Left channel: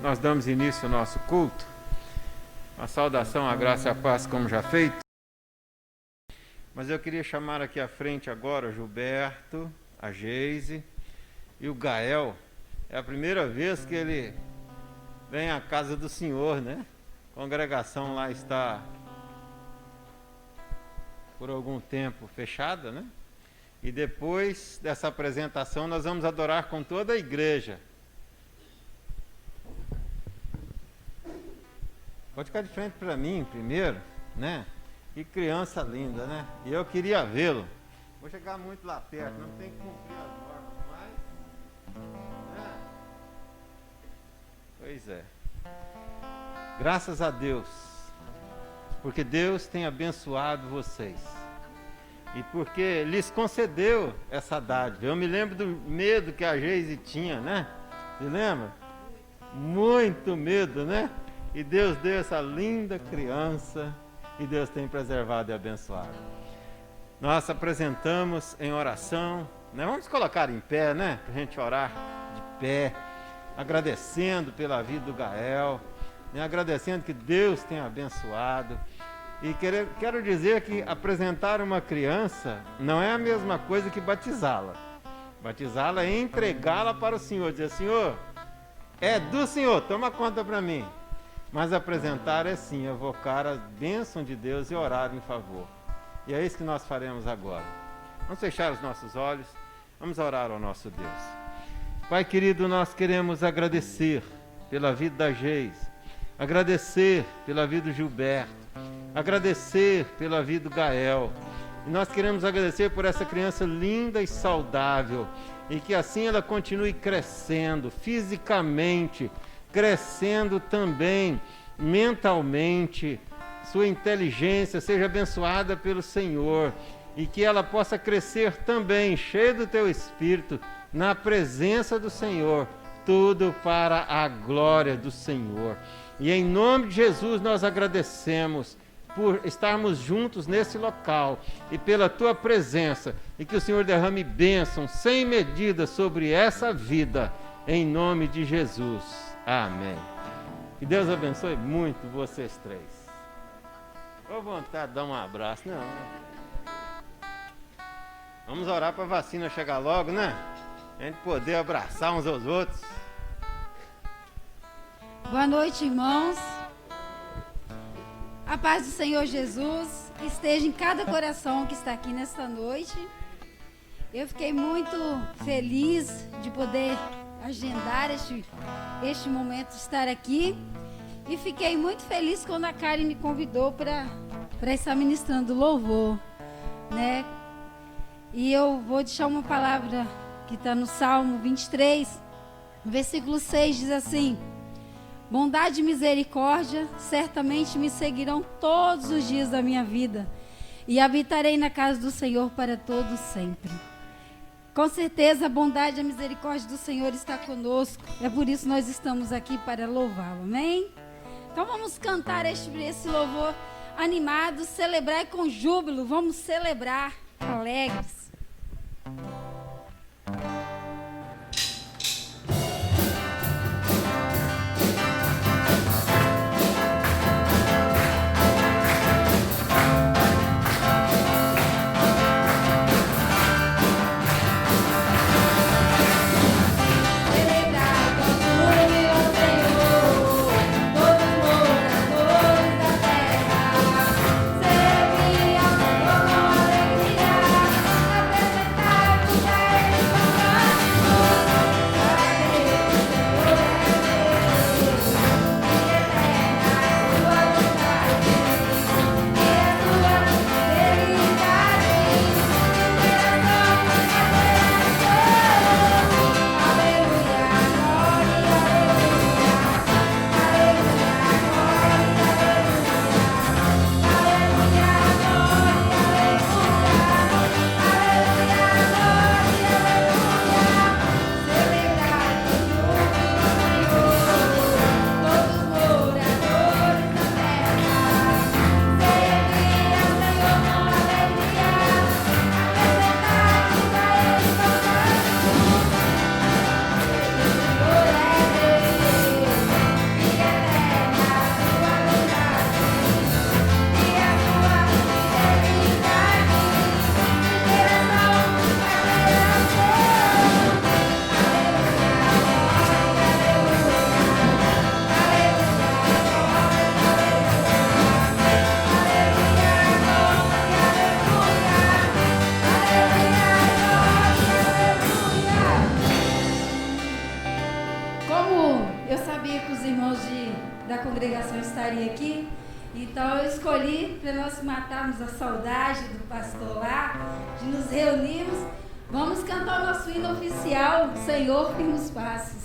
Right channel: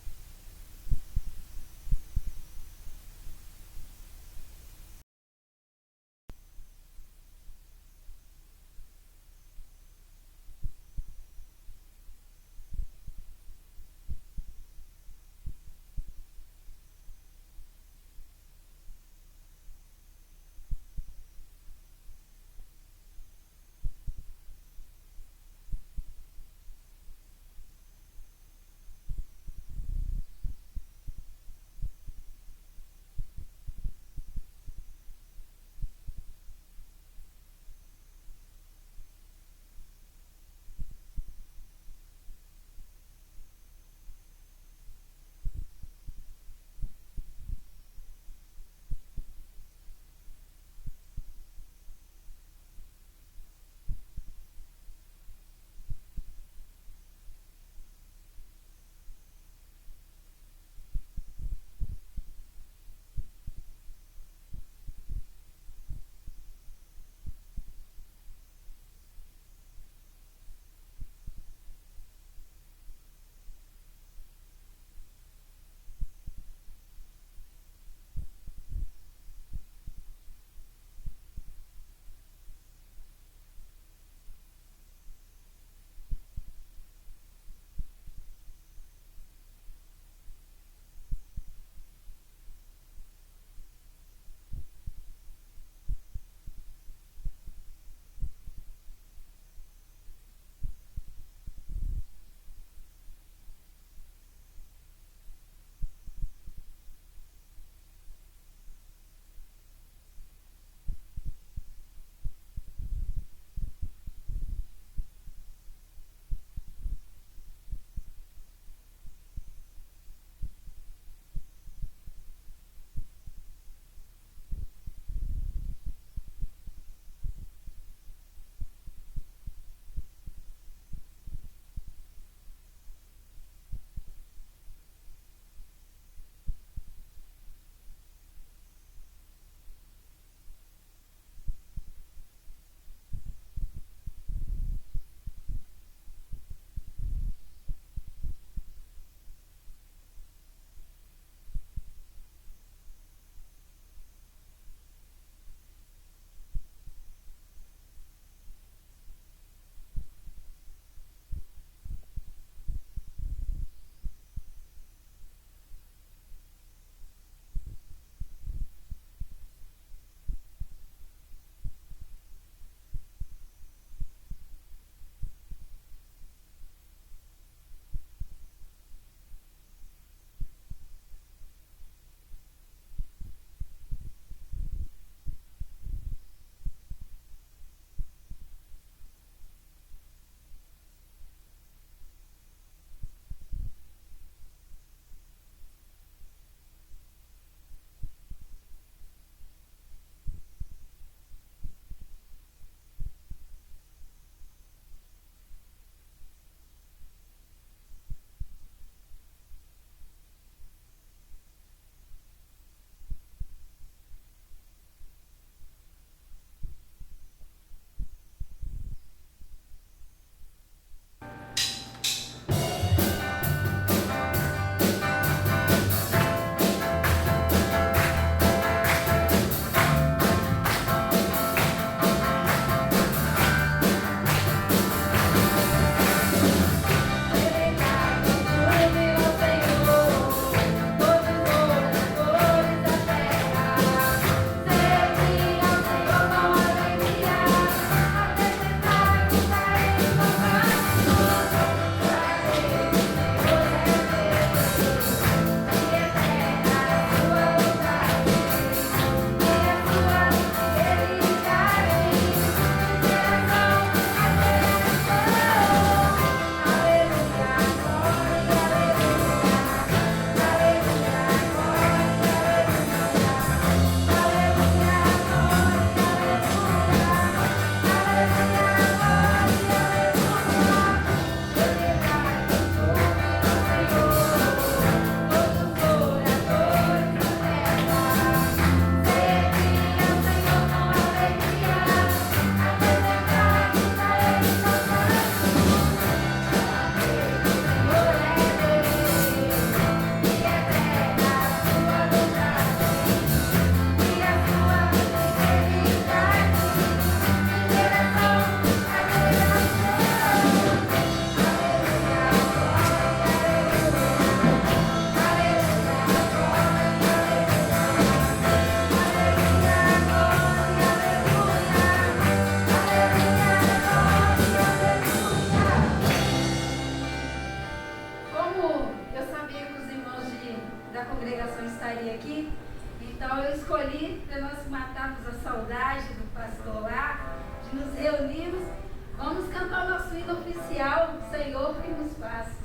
nós damos início ao nosso culto. Uma saudação, a graça e a paz, como já feito. Mas eu queria chamar aqui à frente agora o Gilberto, a Geise e o Gael. É a primeira vez que ele vem à casa do Senhor, né? A congregação lá está por algum tempo fechada, né? E depois dessa apresentação nós vamos adorar com toda a igreja. Pode ficar de frente para mim primeiro, né? Que criança linda, né? E eu queria vê-lo. Vou chegar muito lá perto, não tem que cumprir as normas, mas... né? Pois é. Graças a Deus, porque Deus tem abençoado vocês. E porque lhes concedeu essa dádiva. Eu me lembro do medo que a Geise tinha, né? Me lembra? Muito medo, né? E Deus deu essa linda criança e Deus tem preservado e abençoado. Nós apresentamos em oração, né? Vamos colocar em pé, né? Para a gente orar de pé, agradecendo pela vida do Gael, né? Agradecendo que Deus tem abençoado. E quero dizer que apresentar uma criança não é a mesma coisa que batizá-la. Batizá-la é entregá-la para o Senhor, dizer: Senhor, é do Senhor, toma conta para mim. Mas apresentar é sim, evocar a bênção de Deus e orar em favor. E é isso que nós faremos agora. Vamos fechar os nossos olhos, vamos orar ao nosso Deus. Pai querido, nós queremos agradecer pela vida da Geise, agradecer pela vida do Gilberto, agradecer pela vida do Gael. E nós queremos agradecer por essa criança linda e saudável, e que assim ela continue crescendo fisicamente, crescendo também mentalmente, sua inteligência seja abençoada pelo Senhor, e que ela possa crescer também, cheia do teu Espírito, na presença do Senhor, tudo para a glória do Senhor. E em nome de Jesus nós agradecemos por estarmos juntos nesse local e pela tua presença, e que o Senhor derrame bênção sem medida sobre essa vida, em nome de Jesus. Amém. Que Deus abençoe muito vocês três. Vou vontade de dar um abraço, não. Vamos orar para a vacina chegar logo, né? A gente poder abraçar uns aos outros. Boa noite, irmãos. A paz do Senhor Jesus esteja em cada coração que está aqui nesta noite. Eu fiquei muito feliz de poder agendar este momento de estar aqui, e fiquei muito feliz quando a Karen me convidou para estar ministrando louvor, né? E eu vou deixar uma palavra que está no Salmo 23, versículo 6, diz assim: bondade e misericórdia certamente me seguirão todos os dias da minha vida, e habitarei na casa do Senhor para todo sempre. Com certeza a bondade e a misericórdia do Senhor está conosco. É por isso que nós estamos aqui para louvá-lo. Amém? Então vamos cantar esse louvor animado, celebrar com júbilo. Vamos celebrar alegres. Seria escolhi para nós matarmos a saudade do pastor lá, de nos reunirmos. Vamos cantar o nosso hino oficial, Senhor, que nos passes.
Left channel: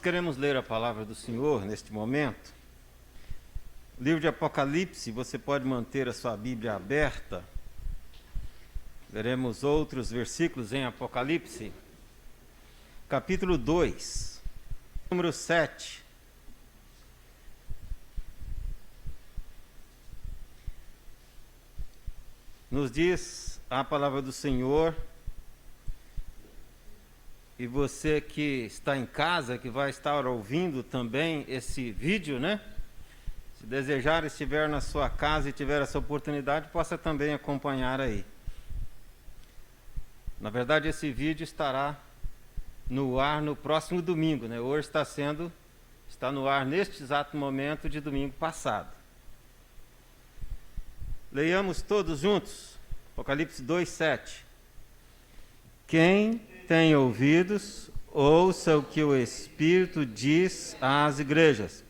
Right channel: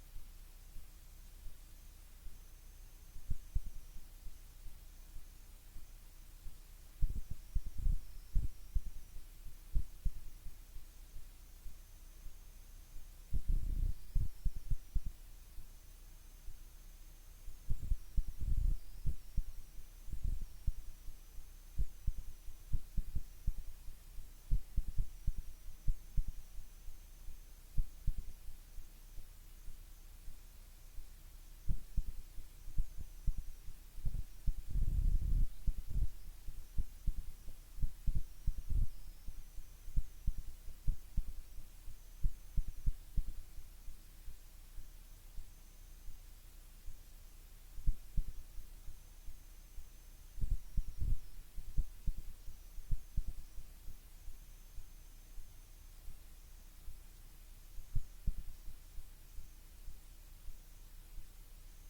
Queremos ler a palavra do Senhor neste momento. Livro de Apocalipse, você pode manter a sua Bíblia aberta. Veremos outros versículos em Apocalipse. Capítulo 2, número 7. Nos diz a palavra do Senhor. E você que está em casa, que vai estar ouvindo também esse vídeo, né? Se desejar, estiver na sua casa e tiver essa oportunidade, possa também acompanhar aí. Na verdade, esse vídeo estará no ar no próximo domingo, né? Hoje está no ar neste exato momento de domingo passado. Leiamos todos juntos, Apocalipse 2:7. Quem tem ouvidos, ouça o que o Espírito diz às igrejas.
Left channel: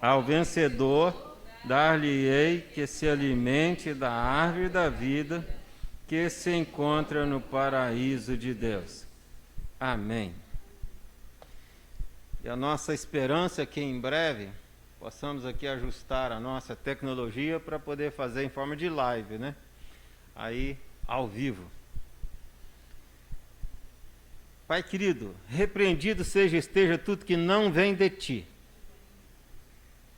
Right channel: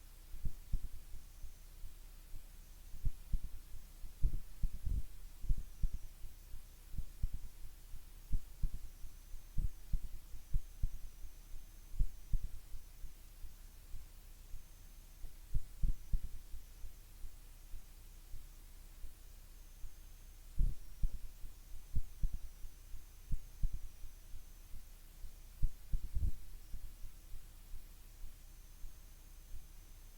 Ao vencedor, dar-lhe-ei que se alimente da árvore da vida, que se encontra no paraíso de Deus. Amém. E a nossa esperança é que em breve possamos aqui ajustar a nossa tecnologia para poder fazer em forma de live, né? Aí, ao vivo. Pai querido, repreendido esteja tudo que não vem de ti.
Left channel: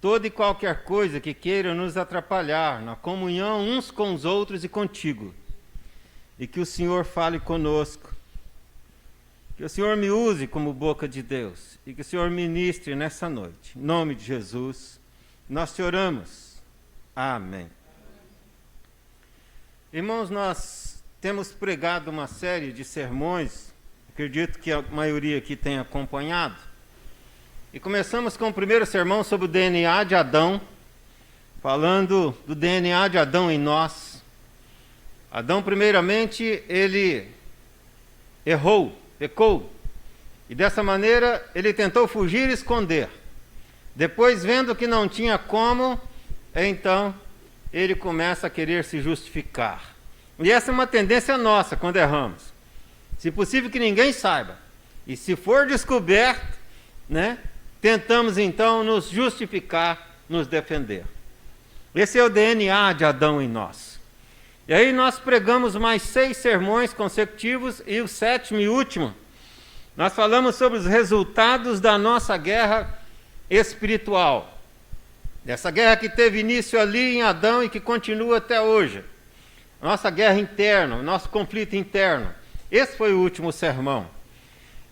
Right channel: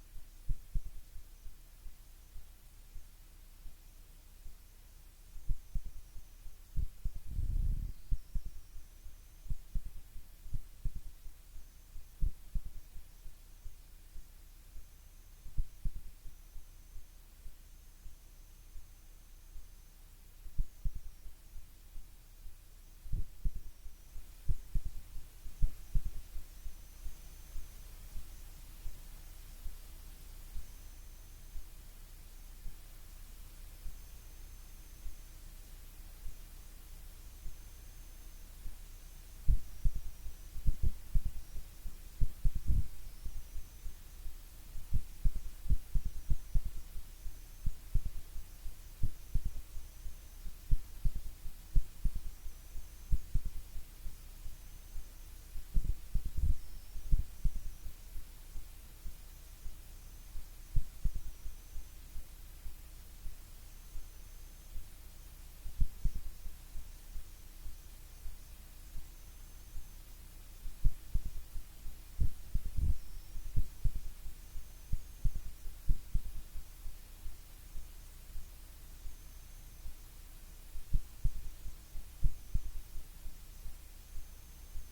Toda e qualquer coisa que queira nos atrapalhar na comunhão uns com os outros e contigo. E que o Senhor fale conosco. Que o Senhor me use como boca de Deus. E que o Senhor ministre nessa noite. Em nome de Jesus, nós te oramos. Amém. Irmãos, nós temos pregado uma série de sermões. Acredito que a maioria aqui tem acompanhado. E começamos com o primeiro sermão sobre o DNA de Adão, falando do DNA de Adão em nós. Adão, primeiramente, ele pecou. E dessa maneira, ele tentou fugir e esconder. Depois, vendo que não tinha como, então, ele começa a querer se justificar. E essa é uma tendência nossa quando erramos. Se possível que ninguém saiba. E se for descoberto, né, tentamos então nos justificar, nos defender. Esse é o DNA de Adão em nós. E aí nós pregamos mais 6 sermões consecutivos e o 7º e último, nós falamos sobre os resultados da nossa guerra espiritual. Dessa guerra que teve início ali em Adão e que continua até hoje. Nossa guerra interna, o nosso conflito interno. Esse foi o último sermão.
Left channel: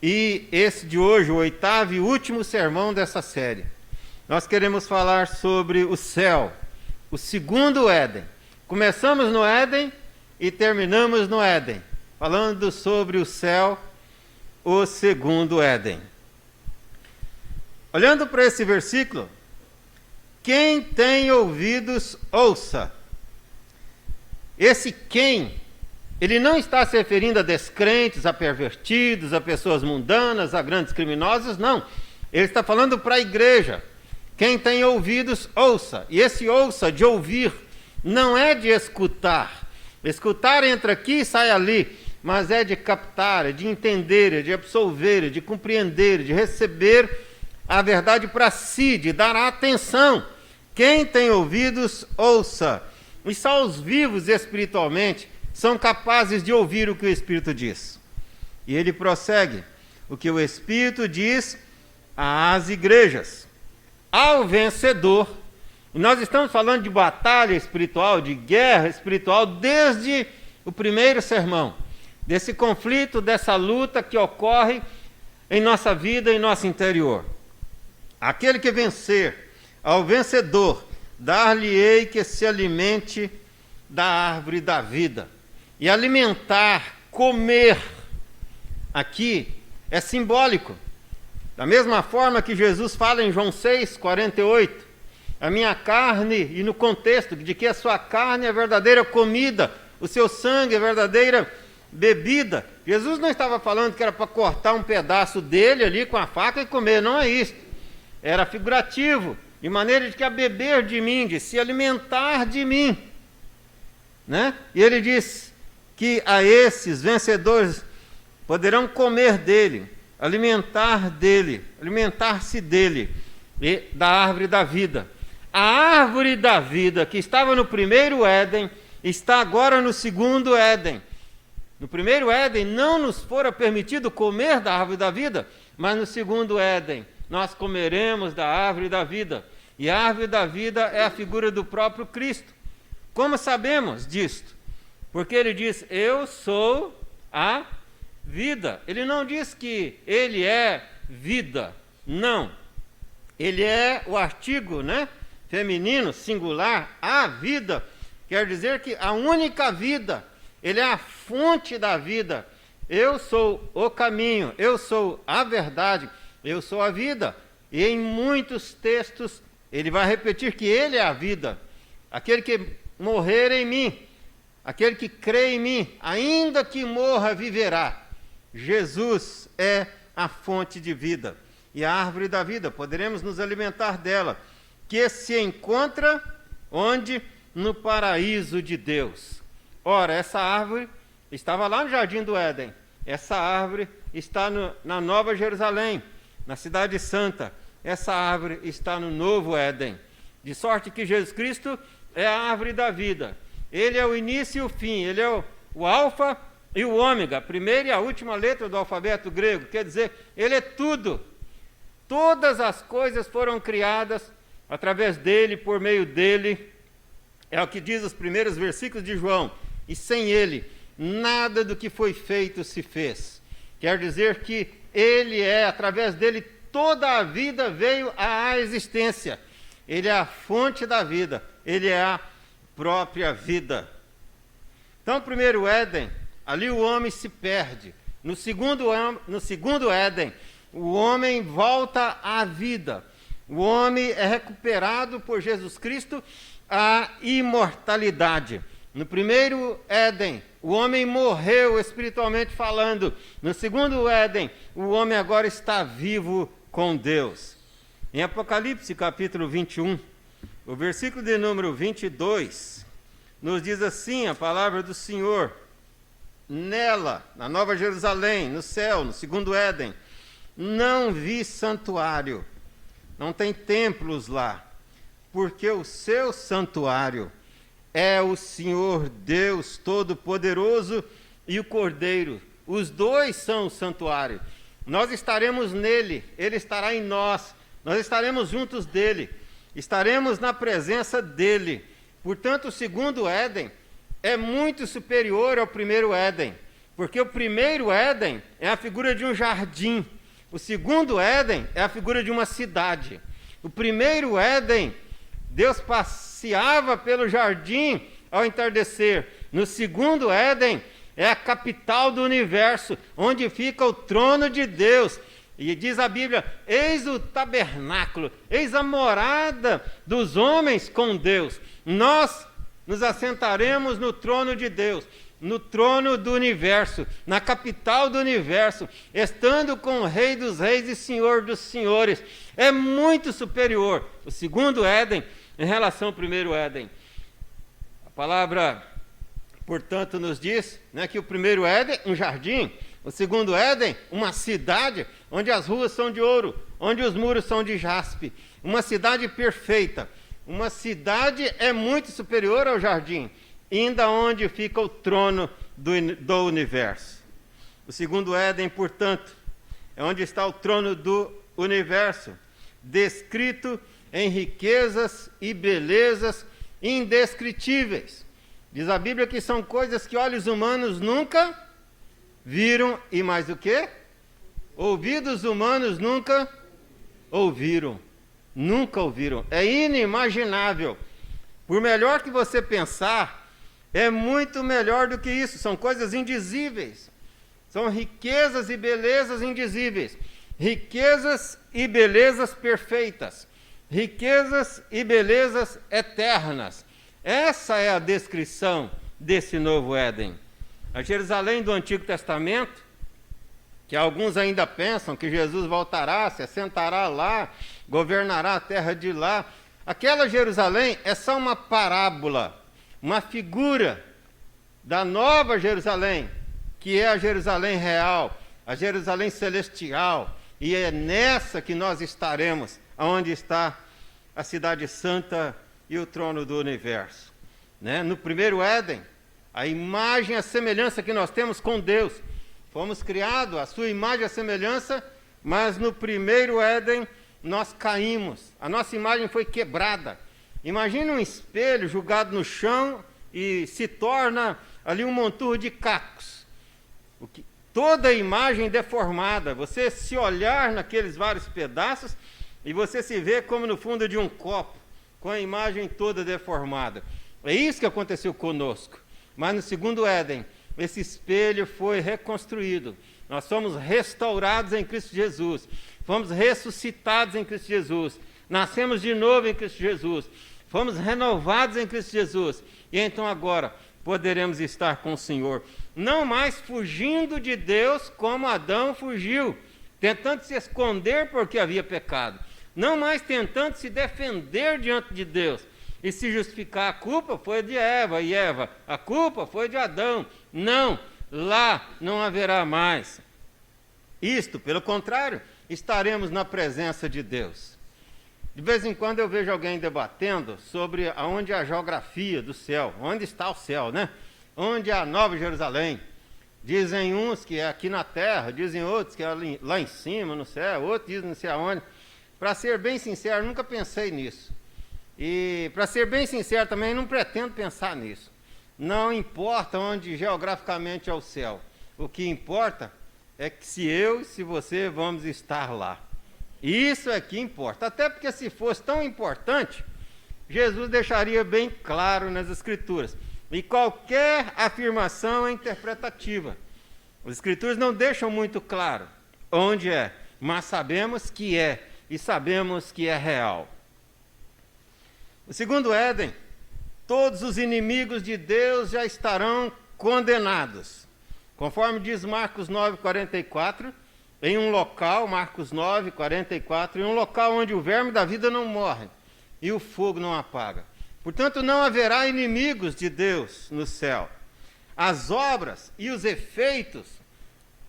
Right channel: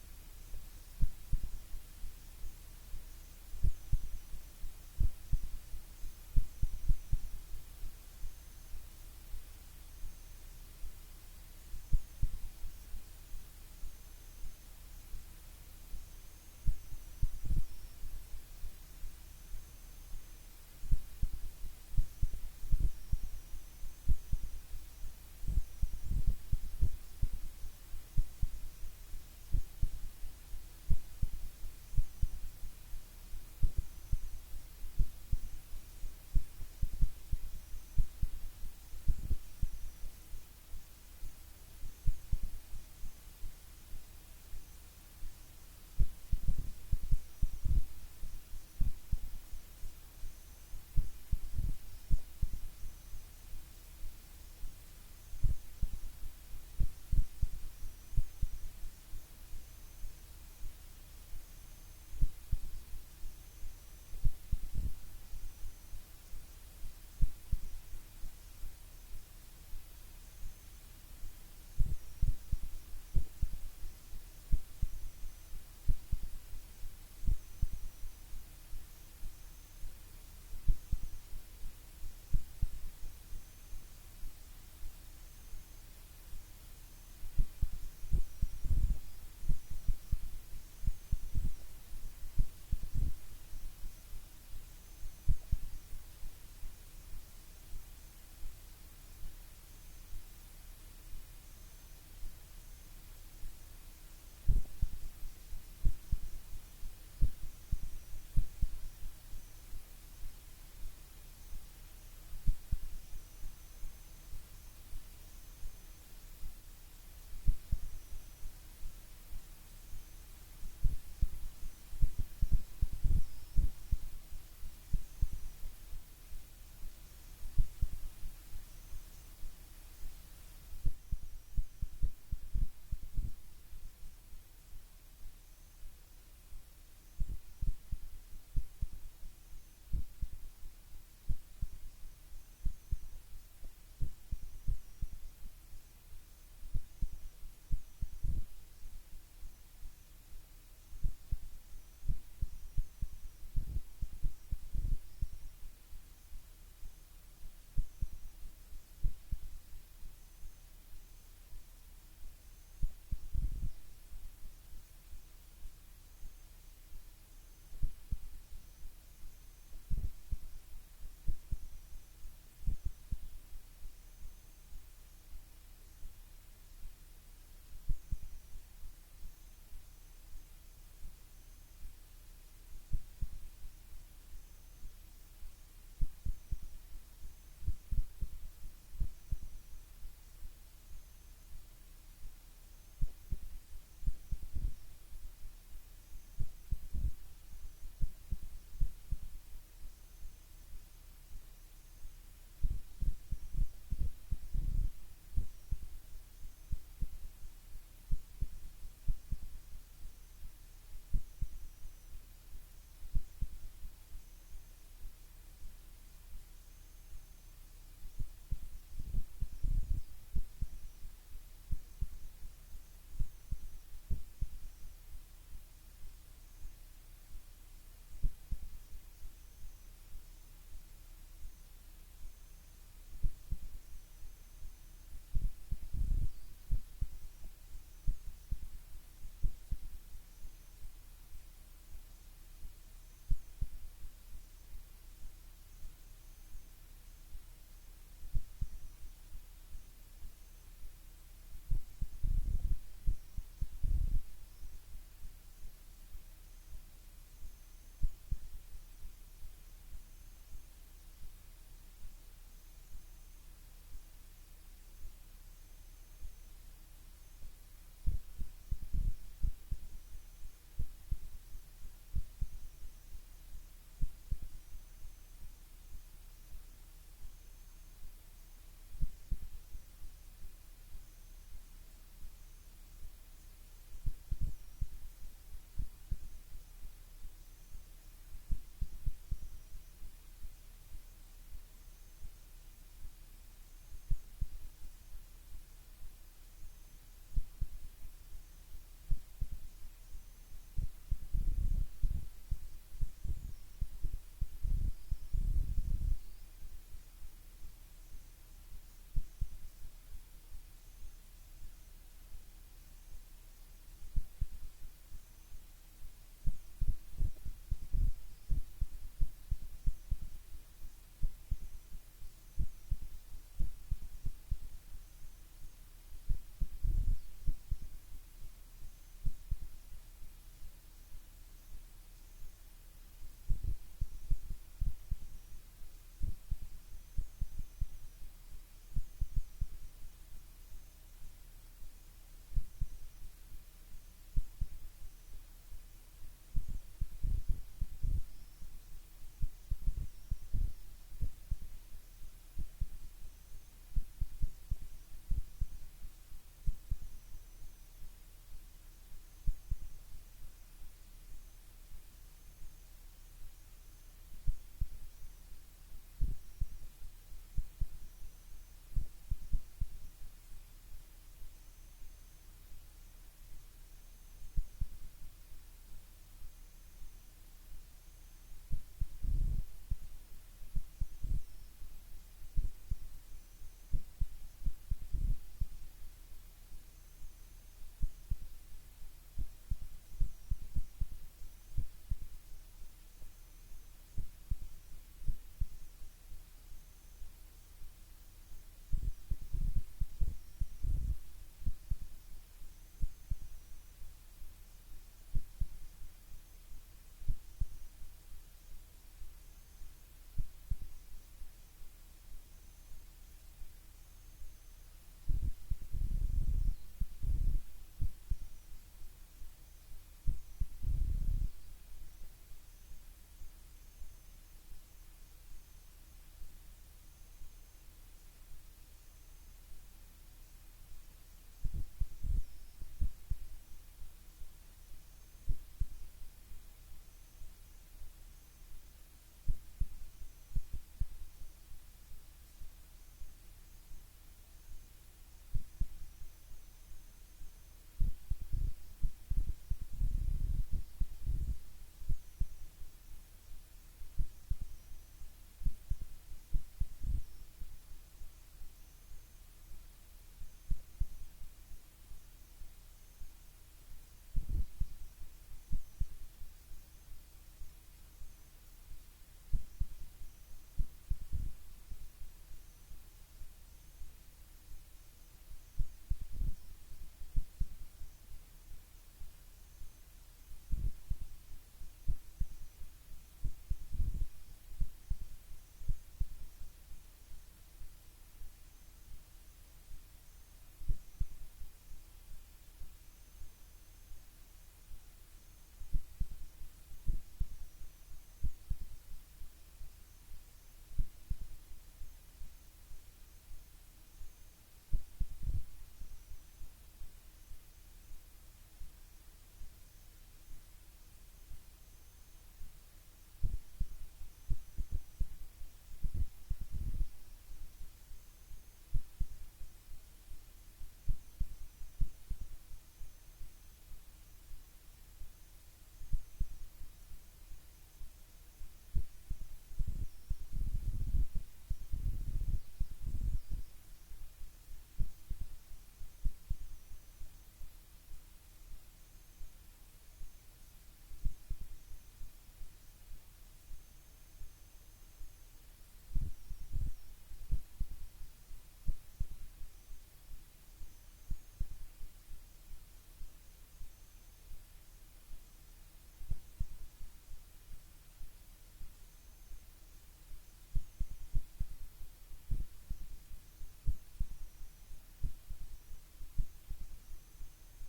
E esse de hoje, o 8º e último sermão dessa série. Nós queremos falar sobre o céu, o segundo Éden, Começamos no Éden e terminamos no Éden, falando sobre o céu, o segundo Éden. Olhando para esse versículo, quem tem ouvidos, ouça. Esse quem, ele não está se referindo a descrentes, a pervertidos, a pessoas mundanas, a grandes criminosos, não. Ele está falando para a igreja. Quem tem ouvidos, ouça. E esse ouça, de ouvir, não é de escutar. Escutar entra aqui e sai ali, mas é de captar, é de entender, é de absolver, é de compreender, de receber a verdade para si, de dar atenção. Quem tem ouvidos, ouça. E só os vivos espiritualmente são capazes de ouvir o que o Espírito diz. E ele prossegue. O que o Espírito diz às igrejas. Ao vencedor. E nós estamos falando de batalha espiritual, de guerra espiritual, desde o primeiro sermão. Desse conflito, dessa luta que ocorre em nossa vida, em nosso interior. Aquele que vencer, ao vencedor, dar-lhe-ei que se alimente da árvore da vida. E alimentar, comer, aqui é simbólico. Da mesma forma que Jesus fala em João 6:48, a minha carne, e no contexto de que a sua carne é a verdadeira comida, o seu sangue é a verdadeira bebida. Jesus não estava falando que era para cortar um pedaço dele ali com a faca e comer, não é isso. Era figurativo, de maneira de que a beber de mim, de se alimentar de mim. Né? E ele diz que a esses vencedores poderão comer dele, alimentar-se dele, e da árvore da vida. A árvore da vida que estava no primeiro Éden, está agora no segundo Éden. No primeiro Éden não nos fora permitido comer da árvore da vida, mas no segundo Éden nós comeremos da árvore da vida. E a árvore da vida é a figura do próprio Cristo. Como sabemos disto? Porque ele diz, eu sou a vida. Ele não diz que ele é vida, não. Ele é o artigo, né? Feminino, singular, a vida. Quer dizer que a única vida, ele é a fonte da vida. Eu sou o caminho, eu sou a verdade, eu sou a vida. E em muitos textos ele vai repetir que ele é a vida. Aquele que morrer em mim, aquele que crê em mim, ainda que morra, viverá. Jesus é a fonte de vida. E a árvore da vida, poderemos nos alimentar dela, que se encontra onde? No paraíso de Deus. Ora, essa árvore estava lá no Jardim do Éden. Essa árvore está na Nova Jerusalém, na Cidade Santa. Essa árvore está no Novo Éden. De sorte que Jesus Cristo é a árvore da vida. Ele é o início e o fim. Ele é o alfa e o ômega, a primeira e a última letra do alfabeto grego. Quer dizer, ele é tudo. Todas as coisas foram criadas através dele, por meio dele. É o que diz os primeiros versículos de João. E sem ele, nada do que foi feito se fez. Quer dizer que ele é, através dele, toda a vida veio à existência. Ele é a fonte da vida. Ele é a própria vida. Então, no primeiro Éden, ali o homem se perde. No segundo Éden, o homem volta à vida. O homem é recuperado por Jesus Cristo à imortalidade. No primeiro Éden, o homem morreu espiritualmente falando. No segundo Éden, o homem agora está vivo com Deus. Em Apocalipse, capítulo 21, o versículo de número 22, nos diz assim a palavra do Senhor. Nela, na Nova Jerusalém, no céu, no segundo Éden, não vi santuário, não tem templos lá, porque o seu santuário é o Senhor Deus Todo-Poderoso e o Cordeiro. Os dois são o santuário. Nós estaremos nele, ele estará em nós, nós estaremos juntos dele, estaremos na presença dele. Portanto, o segundo Éden é muito superior ao primeiro Éden, porque o primeiro Éden é a figura de um jardim, o segundo Éden é a figura de uma cidade. O primeiro Éden, Deus passeava pelo jardim ao entardecer. No segundo Éden, é a capital do universo, onde fica o trono de Deus. E diz a Bíblia, eis o tabernáculo, eis a morada dos homens com Deus. Nós nos assentaremos no trono de Deus, no trono do universo, na capital do universo, estando com o Rei dos Reis e Senhor dos Senhores. É muito superior o segundo Éden em relação ao primeiro Éden. A palavra, portanto, nos diz, né, que o primeiro Éden, um jardim, o segundo Éden, uma cidade onde as ruas são de ouro, onde os muros são de jaspe, uma cidade perfeita. Uma cidade é muito superior ao jardim, ainda onde fica o trono do universo. O segundo Éden, portanto, é onde está o trono do universo, descrito em riquezas e belezas indescritíveis. Diz a Bíblia que são coisas que olhos humanos nunca viram, e mais do que? Ouvidos humanos nunca ouviram. Nunca ouviram. É inimaginável. Por melhor que você pensar, é muito melhor do que isso. São coisas indizíveis. São riquezas e belezas indizíveis. Riquezas e belezas perfeitas. Riquezas e belezas eternas. Essa é a descrição desse novo Éden. A Jerusalém do Antigo Testamento, que alguns ainda pensam que Jesus voltará, se assentará lá, governará a terra de lá. Aquela Jerusalém é só uma parábola, uma figura da nova Jerusalém, que é a Jerusalém real, a Jerusalém celestial, e é nessa que nós estaremos, onde está a cidade santa e o trono do universo. Né? No primeiro Éden, a imagem e a semelhança que nós temos com Deus, fomos criados à sua imagem e a semelhança, mas no primeiro Éden nós caímos, a nossa imagem foi quebrada. Imagina um espelho jogado no chão e se torna ali um monturro de cacos. Toda a imagem deformada, você se olhar naqueles vários pedaços e você se vê como no fundo de um copo, com a imagem toda deformada. É isso que aconteceu conosco. Mas no segundo Éden, esse espelho foi reconstruído. Nós somos restaurados em Cristo Jesus. Fomos ressuscitados em Cristo Jesus. Nascemos de novo em Cristo Jesus. Fomos renovados em Cristo Jesus. E então agora poderemos estar com o Senhor. Não mais fugindo de Deus como Adão fugiu, tentando se esconder porque havia pecado. Não mais tentando se defender diante de Deus e se justificar. A culpa foi de Eva, e Eva, a culpa foi de Adão. Não, lá não haverá mais isto. Pelo contrário, estaremos na presença de Deus. De vez em quando eu vejo alguém debatendo sobre aonde é a geografia do céu, onde está o céu, né? Onde é a Nova Jerusalém. Dizem uns que é aqui na terra, dizem outros que é lá em cima, no céu, outros dizem não sei aonde. Para ser bem sincero, nunca pensei nisso. E para ser bem sincero também, não pretendo pensar nisso. Não importa onde geograficamente é o céu. O que importa é que se eu e se você vamos estar lá. Isso é que importa. Até porque se fosse tão importante, Jesus deixaria bem claro nas Escrituras. E qualquer afirmação é interpretativa. As Escrituras não deixam muito claro onde é, mas sabemos que é, e sabemos que é real. No segundo Éden, todos os inimigos de Deus já estarão condenados. Conforme diz Marcos 9:44, em um local, Marcos 9:44, em um local onde o verme da vida não morre e o fogo não apaga. Portanto, não haverá inimigos de Deus no céu. As obras e os efeitos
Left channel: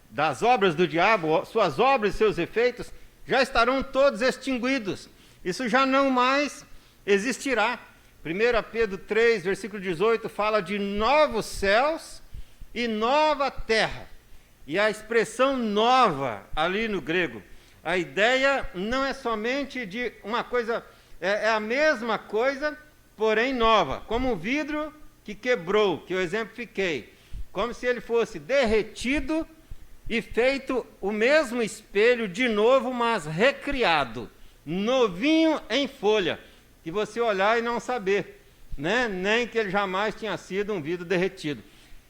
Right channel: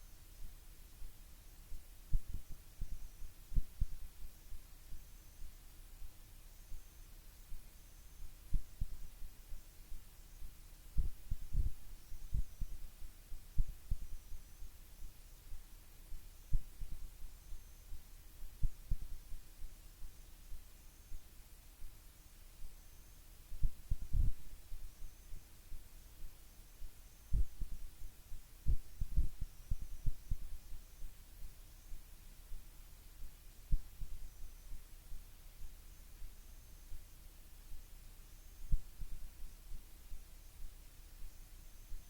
das obras do diabo, suas obras e seus efeitos, já estarão todos extinguidos. Isso já não mais existirá. 1 Pedro 3, versículo 18, fala de novos céus e nova terra. E a expressão nova, ali no grego, a ideia não é somente de uma coisa, é a mesma coisa, porém nova, como um vidro que quebrou, que eu exemplifiquei, como se ele fosse derretido e feito o mesmo espelho de novo, mas recriado, novinho em folha, que você olhar e não saber né? Nem que ele jamais tinha sido um vidro derretido.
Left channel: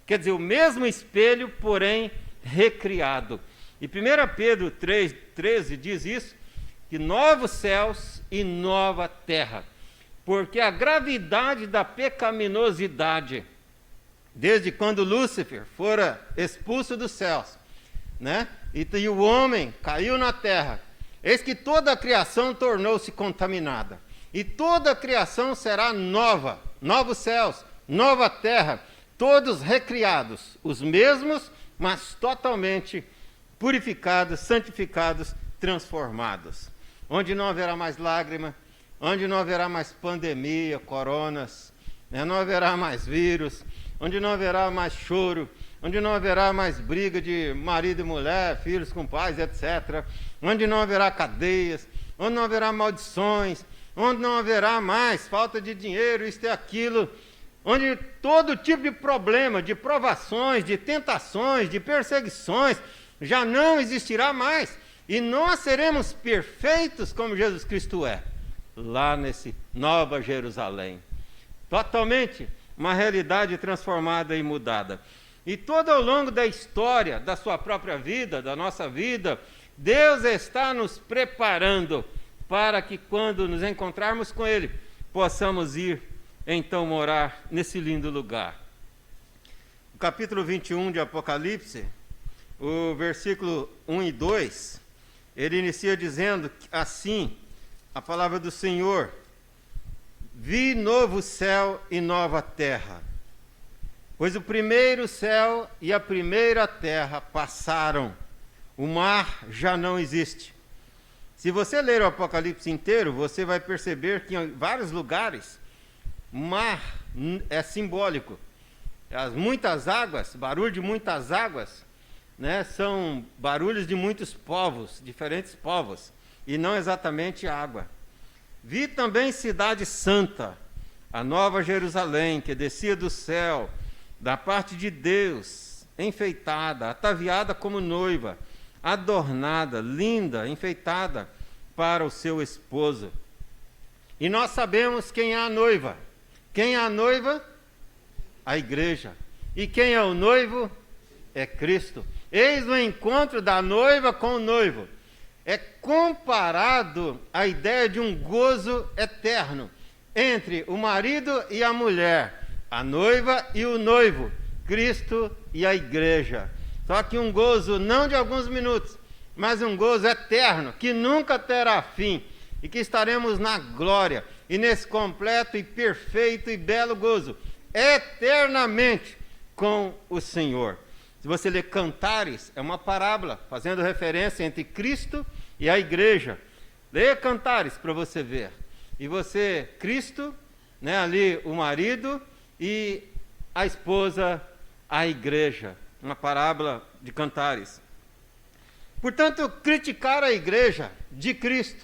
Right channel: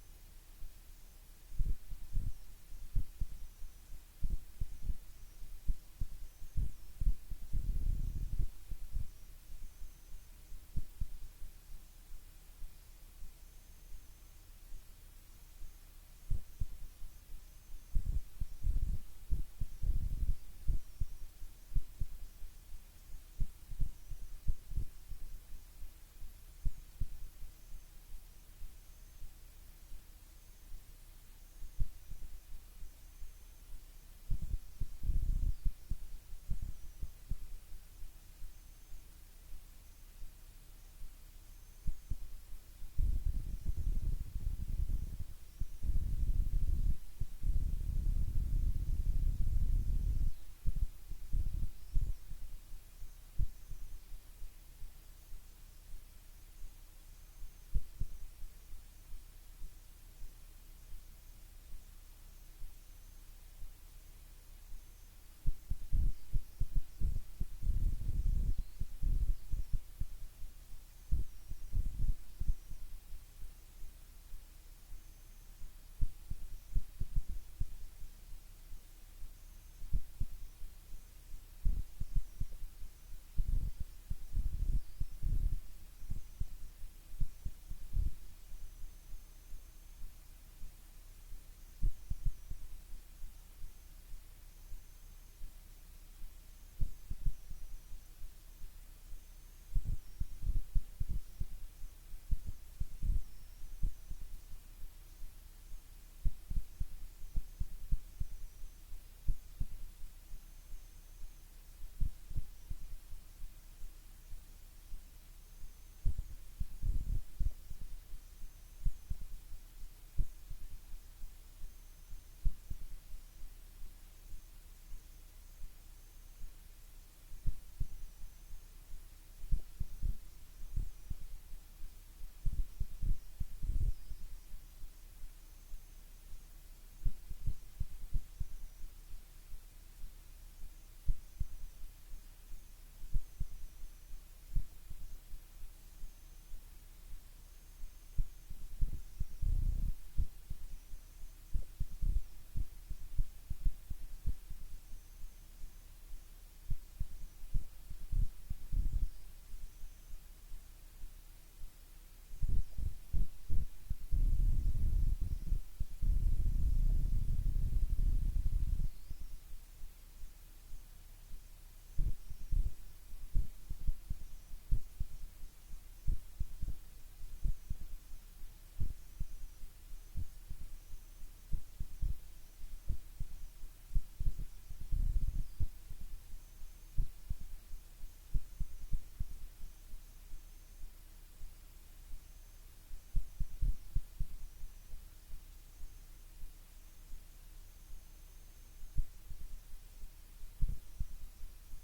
Quer dizer, o mesmo espelho, porém recriado. E 1 Pedro 3,13 diz isso, que novos céus e nova terra, porque a gravidade da pecaminosidade, desde quando Lúcifer fora expulso dos céus, né? E o homem caiu na terra, eis que toda a criação tornou-se contaminada, e toda a criação será nova, novos céus, nova terra, todos recriados, os mesmos, mas totalmente purificados, santificados, transformados, onde não haverá mais lágrima, onde não haverá mais pandemia, coronas, né? Não haverá mais vírus, onde não haverá mais choro, onde não haverá mais briga de marido e mulher, filhos com pais, etc., onde não haverá cadeias, onde não haverá maldições, onde não haverá mais falta de dinheiro, isto e aquilo, onde todo tipo de problema, de provações, de tentações, de perseguições, já não existirá mais, e nós seremos perfeitos como Jesus Cristo é, lá nesse Nova Jerusalém, totalmente uma realidade transformada e mudada. E todo ao longo da história, da sua própria vida, da nossa vida, Deus está nos preparando para que quando nos encontrarmos com Ele, possamos ir então morar nesse lindo lugar. O capítulo 21 de Apocalipse, o versículo 1 e 2, ele inicia dizendo assim, a palavra do Senhor: vi novo céu e nova terra, pois o primeiro céu e a primeira terra passaram, o mar já não existe. Se você ler o Apocalipse inteiro, você vai perceber que em vários lugares, mar é simbólico. Muitas águas, barulho de muitas águas, né, são barulhos de muitos povos, diferentes povos, e não exatamente água. Vi também cidade santa, a nova Jerusalém, que descia do céu, da parte de Deus, enfeitada, ataviada como noiva, adornada, linda, enfeitada para o seu esposo. E nós sabemos quem é a noiva. Quem é a noiva? A igreja. E quem é o noivo? É Cristo. Eis o encontro da noiva com o noivo. É comparado à ideia de um gozo eterno entre o marido e a mulher, a noiva e o noivo, Cristo e a igreja. Só que um gozo não de alguns minutos, mas um gozo eterno, que nunca terá fim, e que estaremos na glória, e nesse completo e perfeito e belo gozo, eternamente com o Senhor. Se você ler Cantares, é uma parábola, fazendo referência entre Cristo e a igreja. Leia Cantares para você ver. E você, Cristo, né, ali o marido, e a esposa, a igreja. Uma parábola de Cantares. Portanto, criticar a igreja de Cristo.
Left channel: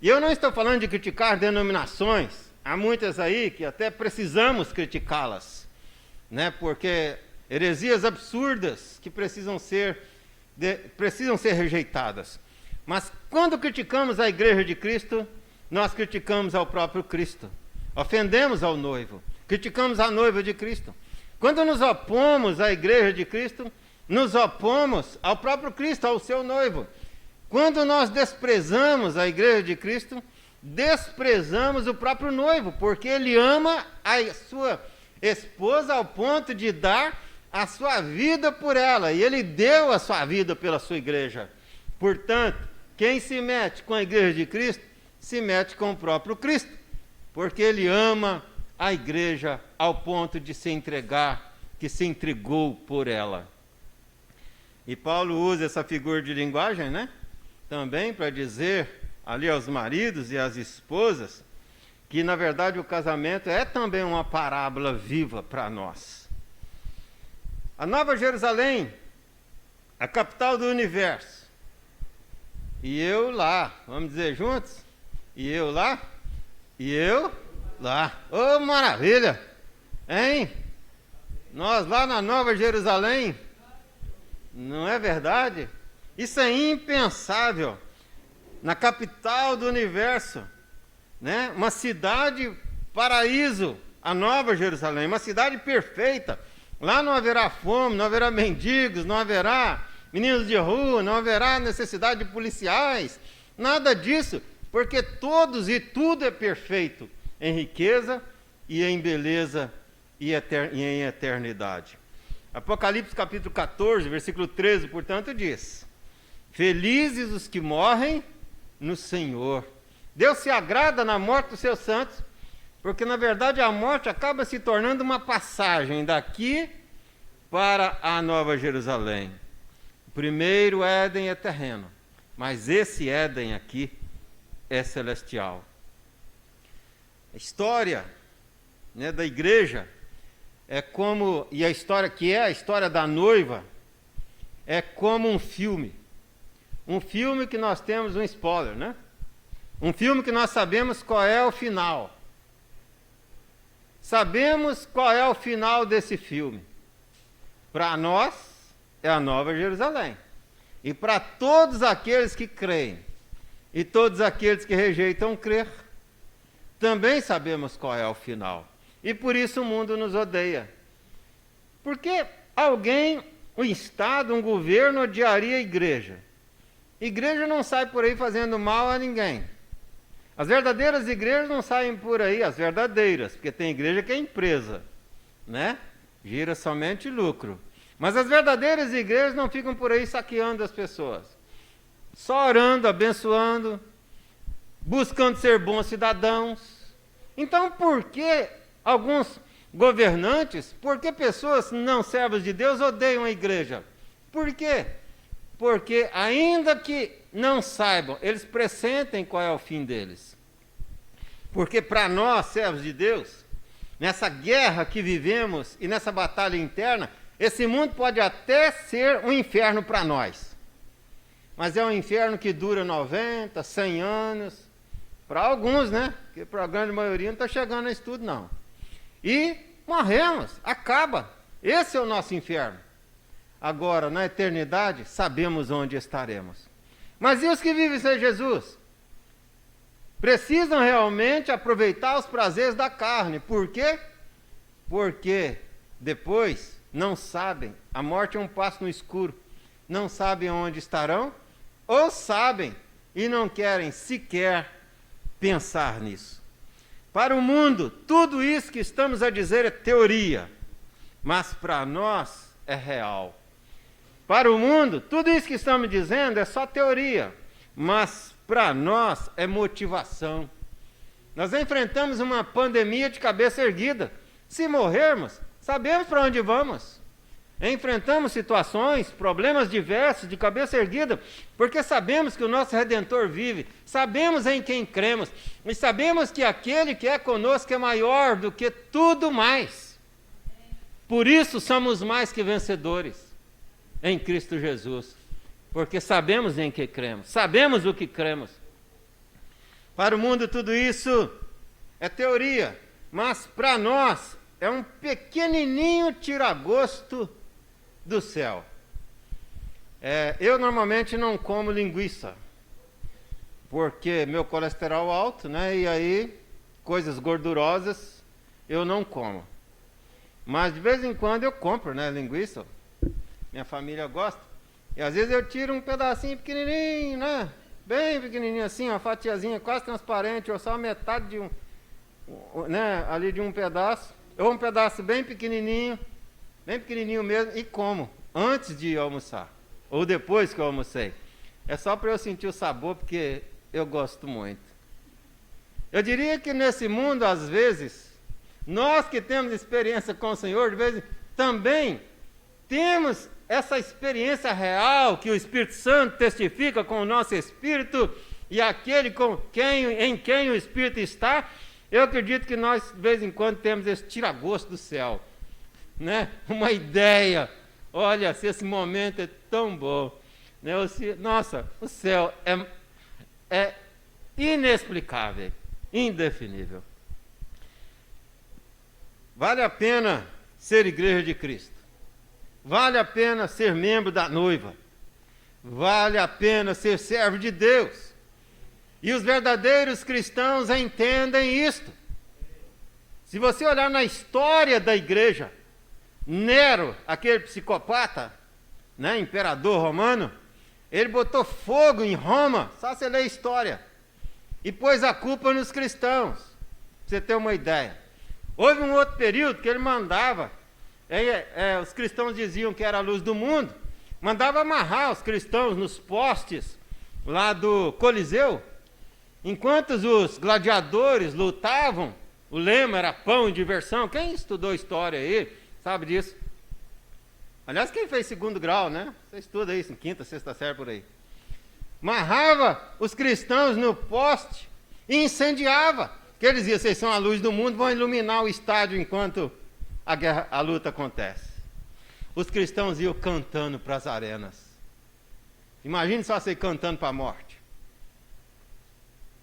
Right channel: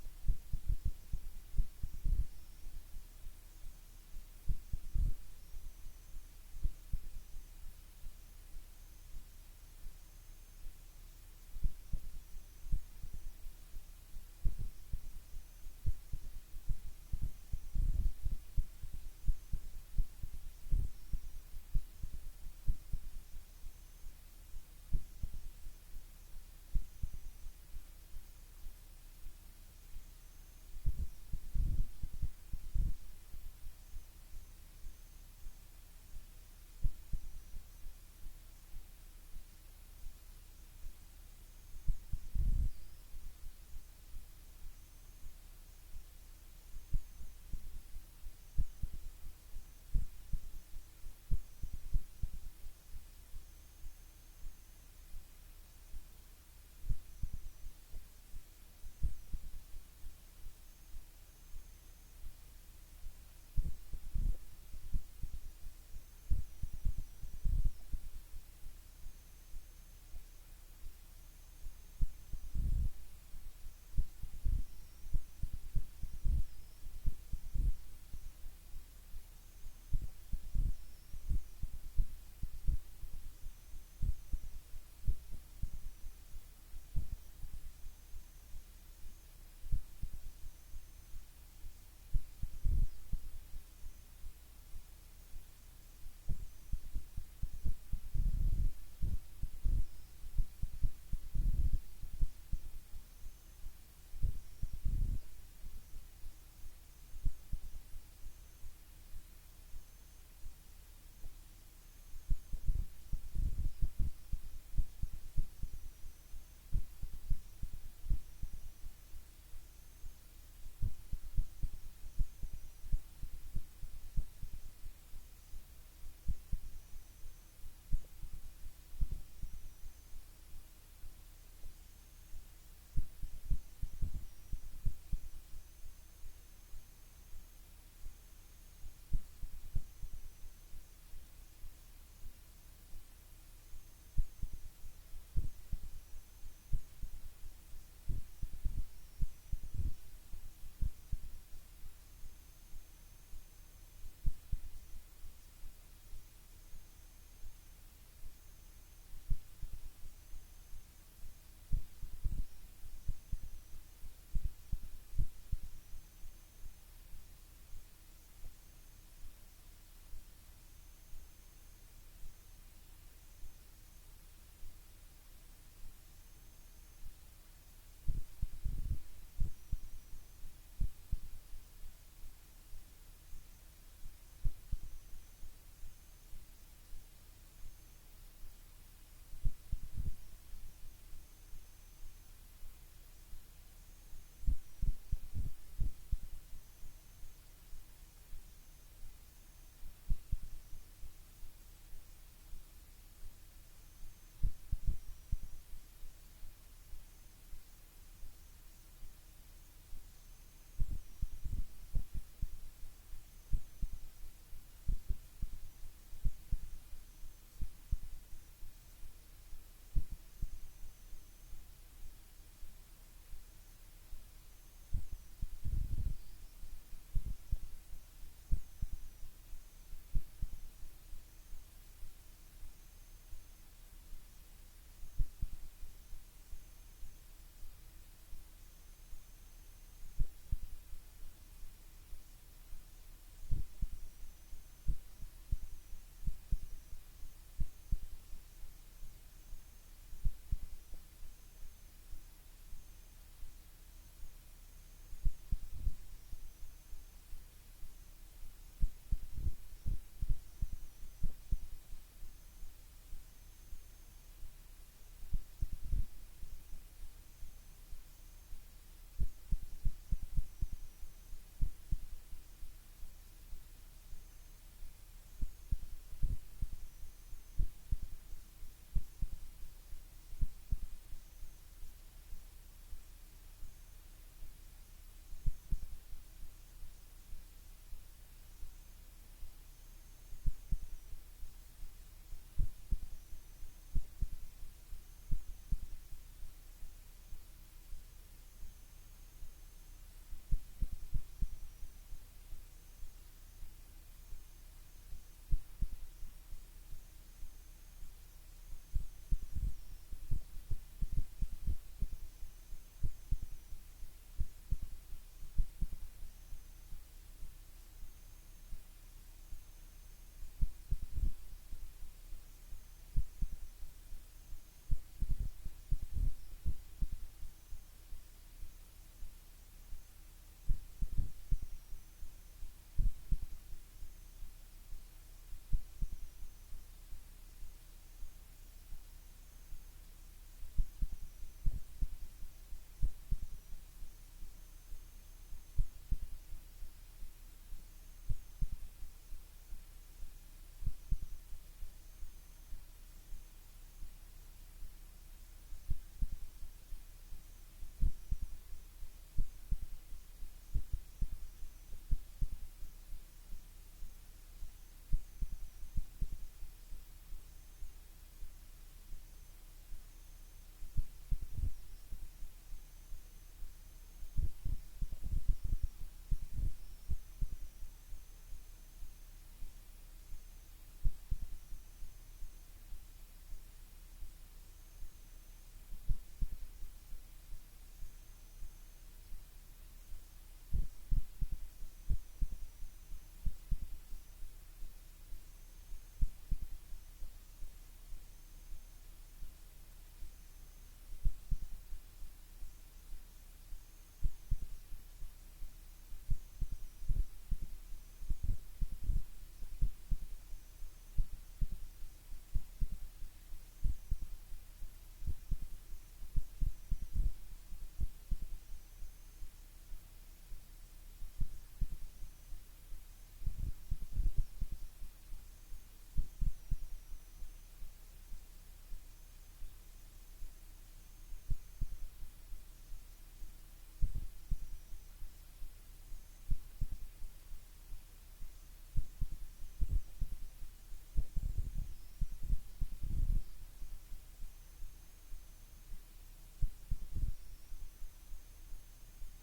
E eu não estou falando de criticar denominações. Há muitas aí que até precisamos criticá-las, né? Porque heresias absurdas que precisam ser rejeitadas. Mas quando criticamos a igreja de Cristo, nós criticamos ao próprio Cristo. Ofendemos ao noivo. Criticamos a noiva de Cristo. Quando nos opomos à igreja de Cristo, nos opomos ao próprio Cristo, ao seu noivo. Quando nós desprezamos a igreja de Cristo, desprezamos o próprio noivo, porque ele ama a sua esposa ao ponto de dar a sua vida por ela, e ele deu a sua vida pela sua igreja. Portanto, quem se mete com a igreja de Cristo, se mete com o próprio Cristo, porque ele ama a igreja ao ponto de se entregar, que se entregou por ela. E Paulo usa essa figura de linguagem, né? Também para dizer ali aos maridos e às esposas que, na verdade, o casamento é também uma parábola viva para nós. A Nova Jerusalém, a capital do universo. E eu lá, vamos dizer juntos? E eu lá? E eu lá. Oh, maravilha! Hein? Nós lá na Nova Jerusalém, não é verdade? Isso é impensável. Na capital do universo, né? Uma cidade paraíso, a Nova Jerusalém, uma cidade perfeita. Lá não haverá fome, não haverá mendigos, não haverá meninos de rua, não haverá necessidade de policiais, nada disso, porque todos e tudo é perfeito em riqueza e em beleza e em eternidade. Apocalipse capítulo 14, versículo 13, portanto, diz: felizes os que morrem no Senhor. Deus se agrada na morte dos seus santos, porque na verdade a morte acaba se tornando uma passagem daqui para a Nova Jerusalém. O primeiro Éden é terreno, mas esse Éden aqui é celestial. A história, né, da igreja é como, e a história que é a história da noiva, é como um filme. Um filme que nós temos um spoiler, né? Um filme que nós sabemos qual é o final. Sabemos qual é o final desse filme. Para nós, é a Nova Jerusalém. E para todos aqueles que creem e todos aqueles que rejeitam crer, também sabemos qual é o final. E por isso o mundo nos odeia. Porque alguém, um Estado, um governo odiaria a igreja. Igreja não sai por aí fazendo mal a ninguém. As verdadeiras igrejas não saem por aí, as verdadeiras, porque tem igreja que é empresa, né? Gira somente lucro. Mas as verdadeiras igrejas não ficam por aí saqueando as pessoas. Só orando, abençoando, buscando ser bons cidadãos. Então, por que alguns governantes, por que pessoas não servas de Deus odeiam a igreja? Por quê? Porque ainda que não saibam, eles pressentem qual é o fim deles. Porque para nós, servos de Deus, nessa guerra que vivemos e nessa batalha interna, esse mundo pode até ser um inferno para nós. Mas é um inferno que dura 90, 100 anos. Para alguns, né? Porque para a grande maioria não está chegando a isso tudo, não. E morremos, acaba. Esse é o nosso inferno. Agora, na eternidade, sabemos onde estaremos. Mas e os que vivem sem Jesus? Precisam realmente aproveitar os prazeres da carne. Por quê? Porque depois não sabem. A morte é um passo no escuro. Não sabem onde estarão, ou sabem e não querem sequer pensar nisso. Para o mundo, tudo isso que estamos a dizer é teoria, mas para nós é real. Para o mundo, tudo isso que estamos dizendo é só teoria, mas para nós é motivação. Nós enfrentamos uma pandemia de cabeça erguida. Se morrermos, sabemos para onde vamos. Enfrentamos situações, problemas diversos de cabeça erguida, porque sabemos que o nosso Redentor vive, sabemos em quem cremos, e sabemos que aquele que é conosco é maior do que tudo mais. Por isso somos mais que vencedores em Cristo Jesus, porque sabemos em que cremos, sabemos o que cremos. Para o mundo tudo isso é teoria, mas para nós é um pequenininho tira-gosto do céu. Eu normalmente não como linguiça, porque meu colesterol é alto, né? E aí coisas gordurosas eu não como. Mas de vez em quando eu compro, né, linguiça. Minha família gosta. E às vezes eu tiro um pedacinho pequenininho, né? Bem pequenininho assim, uma fatiazinha quase transparente, ou só metade de né, ali de um pedaço, ou um pedaço bem pequenininho mesmo, e como antes de almoçar, ou depois que eu almocei. É só para eu sentir o sabor, porque eu gosto muito. Eu diria que nesse mundo, às vezes, nós que temos experiência com o Senhor, de vez também temos essa experiência real que o Espírito Santo testifica com o nosso espírito, e aquele em quem o Espírito está. Eu acredito que nós, de vez em quando, temos esse tira-gosto do céu, né? Uma ideia. Olha, se esse momento é tão bom, né? Nossa, o céu é inexplicável, indefinível. Vale a pena ser igreja de Cristo. Vale a pena ser membro da noiva. Vale a pena ser servo de Deus. E os verdadeiros cristãos entendem isto. Se você olhar na história da igreja, Nero, aquele psicopata, né, imperador romano, ele botou fogo em Roma, só você ler a história, e pôs a culpa nos cristãos, pra você ter uma ideia. Houve um outro período que ele mandava, os cristãos diziam que era a luz do mundo, mandava amarrar os cristãos nos postes lá do Coliseu, enquanto os gladiadores lutavam. O lema era pão e diversão. Quem estudou história aí sabe disso. Aliás, quem fez segundo grau, né? Você estuda isso em quinta, sexta série, por aí. Amarrava os cristãos no poste e incendiava. Que eles diziam, vocês são a luz do mundo, vão iluminar o estádio enquanto a luta acontece. Os cristãos iam cantando para as arenas. Imagine só você cantando para a morte.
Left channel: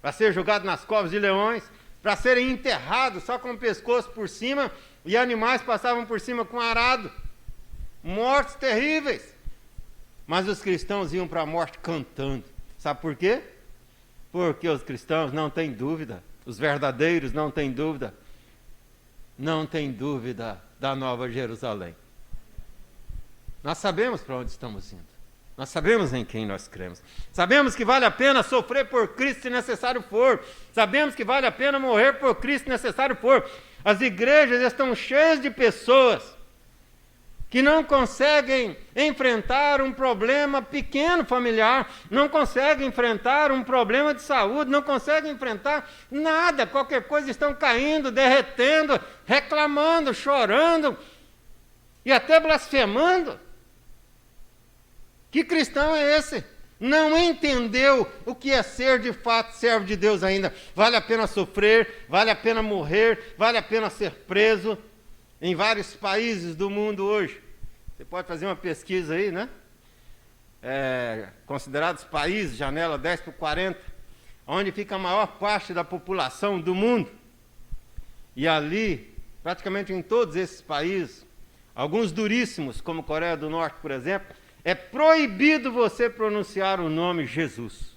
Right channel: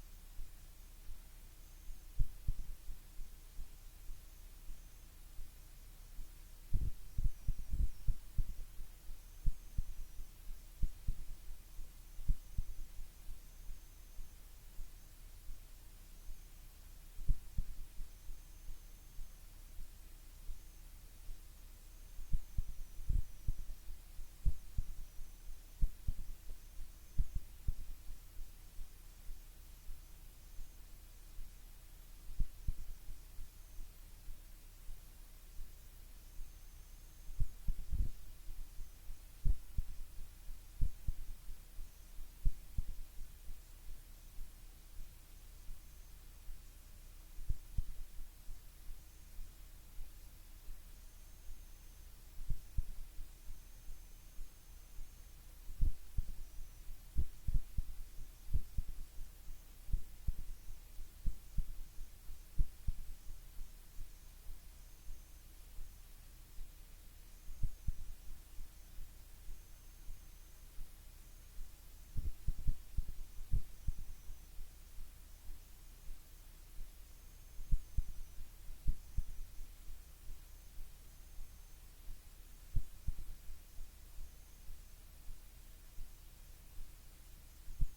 Para ser jogado nas covas de leões, para serem enterrados só com o pescoço por cima, e animais passavam por cima com arado. Mortes terríveis. Mas os cristãos iam para a morte cantando. Sabe por quê? Porque os cristãos não têm dúvida, os verdadeiros não têm dúvida, não têm dúvida da Nova Jerusalém. Nós sabemos para onde estamos indo. Nós sabemos em quem nós cremos. Sabemos que vale a pena sofrer por Cristo se necessário for. Sabemos que vale a pena morrer por Cristo se necessário for. As igrejas estão cheias de pessoas que não conseguem enfrentar um problema pequeno familiar, não conseguem enfrentar um problema de saúde, não conseguem enfrentar nada, qualquer coisa, estão caindo, derretendo, reclamando, chorando e até blasfemando. Que cristão é esse? Não entendeu o que é ser de fato servo de Deus ainda. Vale a pena sofrer, vale a pena morrer, vale a pena ser preso. Em vários países do mundo hoje, você pode fazer uma pesquisa aí, né? Considerados países, janela 10 por 40, onde fica a maior parte da população do mundo. E ali, praticamente em todos esses países, alguns duríssimos, como Coreia do Norte, por exemplo, é proibido você pronunciar o nome Jesus.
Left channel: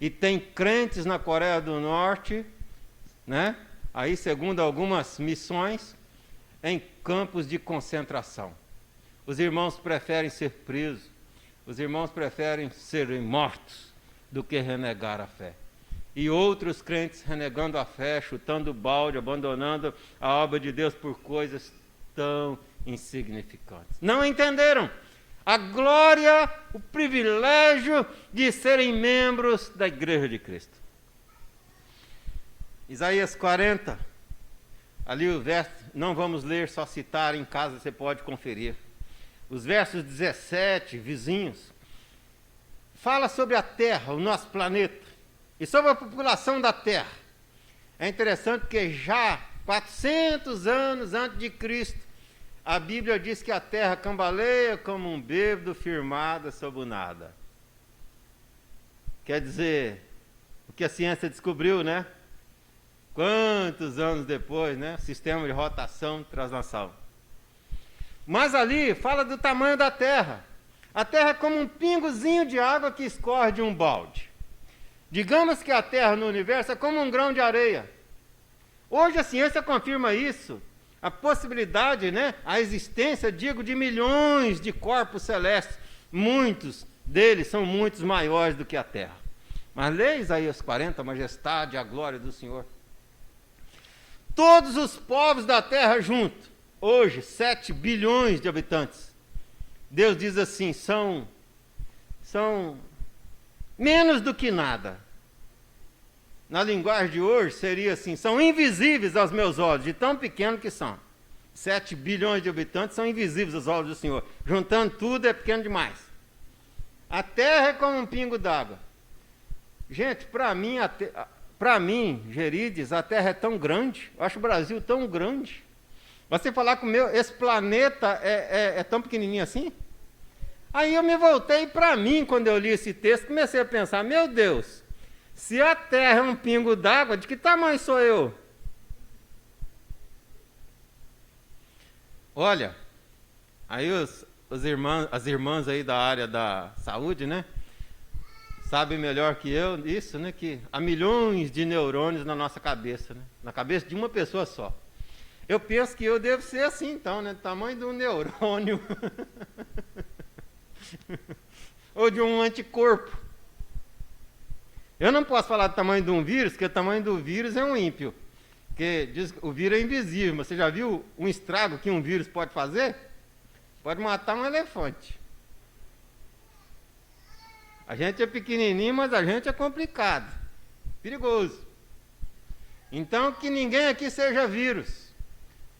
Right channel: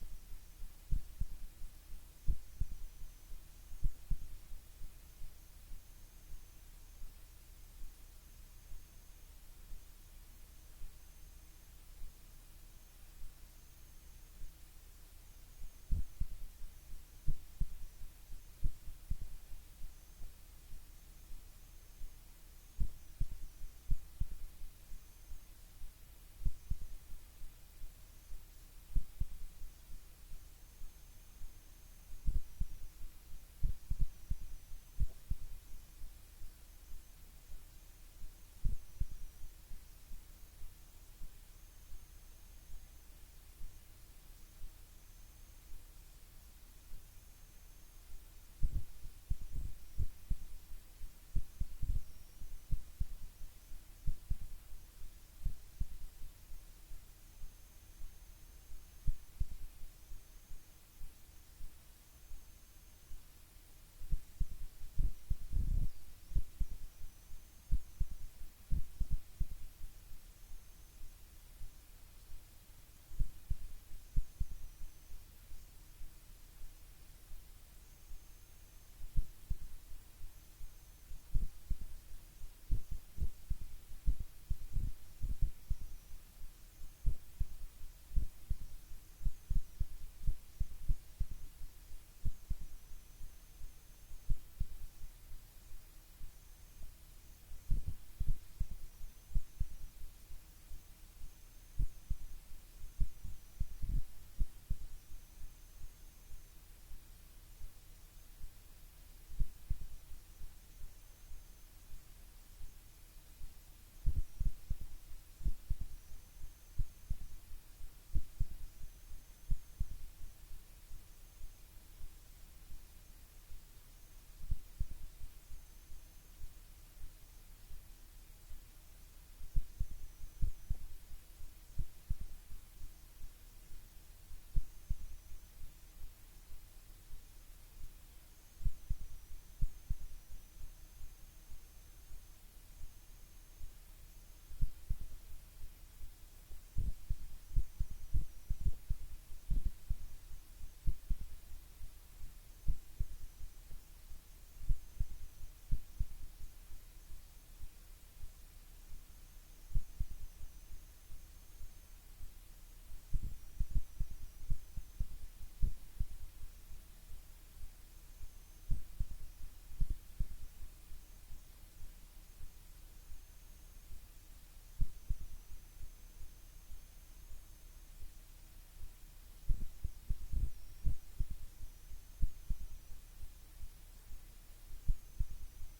E tem crentes na Coreia do Norte, né? Aí, segundo algumas missões, em campos de concentração. Os irmãos preferem ser presos, os irmãos preferem serem mortos do que renegar a fé. E outros crentes renegando a fé, chutando balde, abandonando a obra de Deus por coisas tão insignificantes. Não entenderam a glória, o privilégio de serem membros da Igreja de Cristo. Isaías 40, ali o verso, não vamos ler, só citar em casa, você pode conferir. Os versos 17, vizinhos, fala sobre a Terra, o nosso planeta, e sobre a população da Terra. É interessante porque já 400 anos antes de Cristo, a Bíblia diz que a terra cambaleia como um bêbado firmada sobre o nada. Quer dizer, o que a ciência descobriu, né? Quantos anos depois, né? Sistema de rotação, translação. Mas ali fala do tamanho da terra. A terra é como um pingozinho de água que escorre de um balde. Digamos que a terra no universo é como um grão de areia. Hoje a ciência confirma isso. A possibilidade, né, a existência, digo, de milhões de corpos celestes. Muitos deles são muitos maiores do que a Terra. Mas leia Isaías 40, a majestade, a glória do Senhor. Todos os povos da Terra juntos, hoje, 7 bilhões de habitantes. Deus diz assim, são menos do que nada. Na linguagem de hoje seria assim, são invisíveis aos meus olhos, de tão pequeno que são. 7 bilhões de habitantes são invisíveis aos olhos do Senhor. Juntando tudo é pequeno demais. A terra é como um pingo d'água. Gente, para mim, Gerides, a terra é tão grande, eu acho o Brasil tão grande. Você falar com esse planeta é tão pequenininho assim? Aí eu me voltei para mim quando eu li esse texto, comecei a pensar, meu Deus, se a terra é um pingo d'água, de que tamanho sou eu? Olha, aí as irmãs aí da área da saúde, né? Sabem melhor que eu isso, né? Que há milhões de neurônios na nossa cabeça, né? na cabeça de uma pessoa só. Eu penso que eu devo ser assim, então, né? Do tamanho de um neurônio. Ou de um anticorpo. Eu não posso falar do tamanho de um vírus, porque o tamanho do vírus é um ímpio. Porque diz que o vírus é invisível. Mas você já viu um estrago que um vírus pode fazer? Pode matar um elefante. A gente é pequenininho, mas a gente é complicado. Perigoso. Então, que ninguém aqui seja vírus.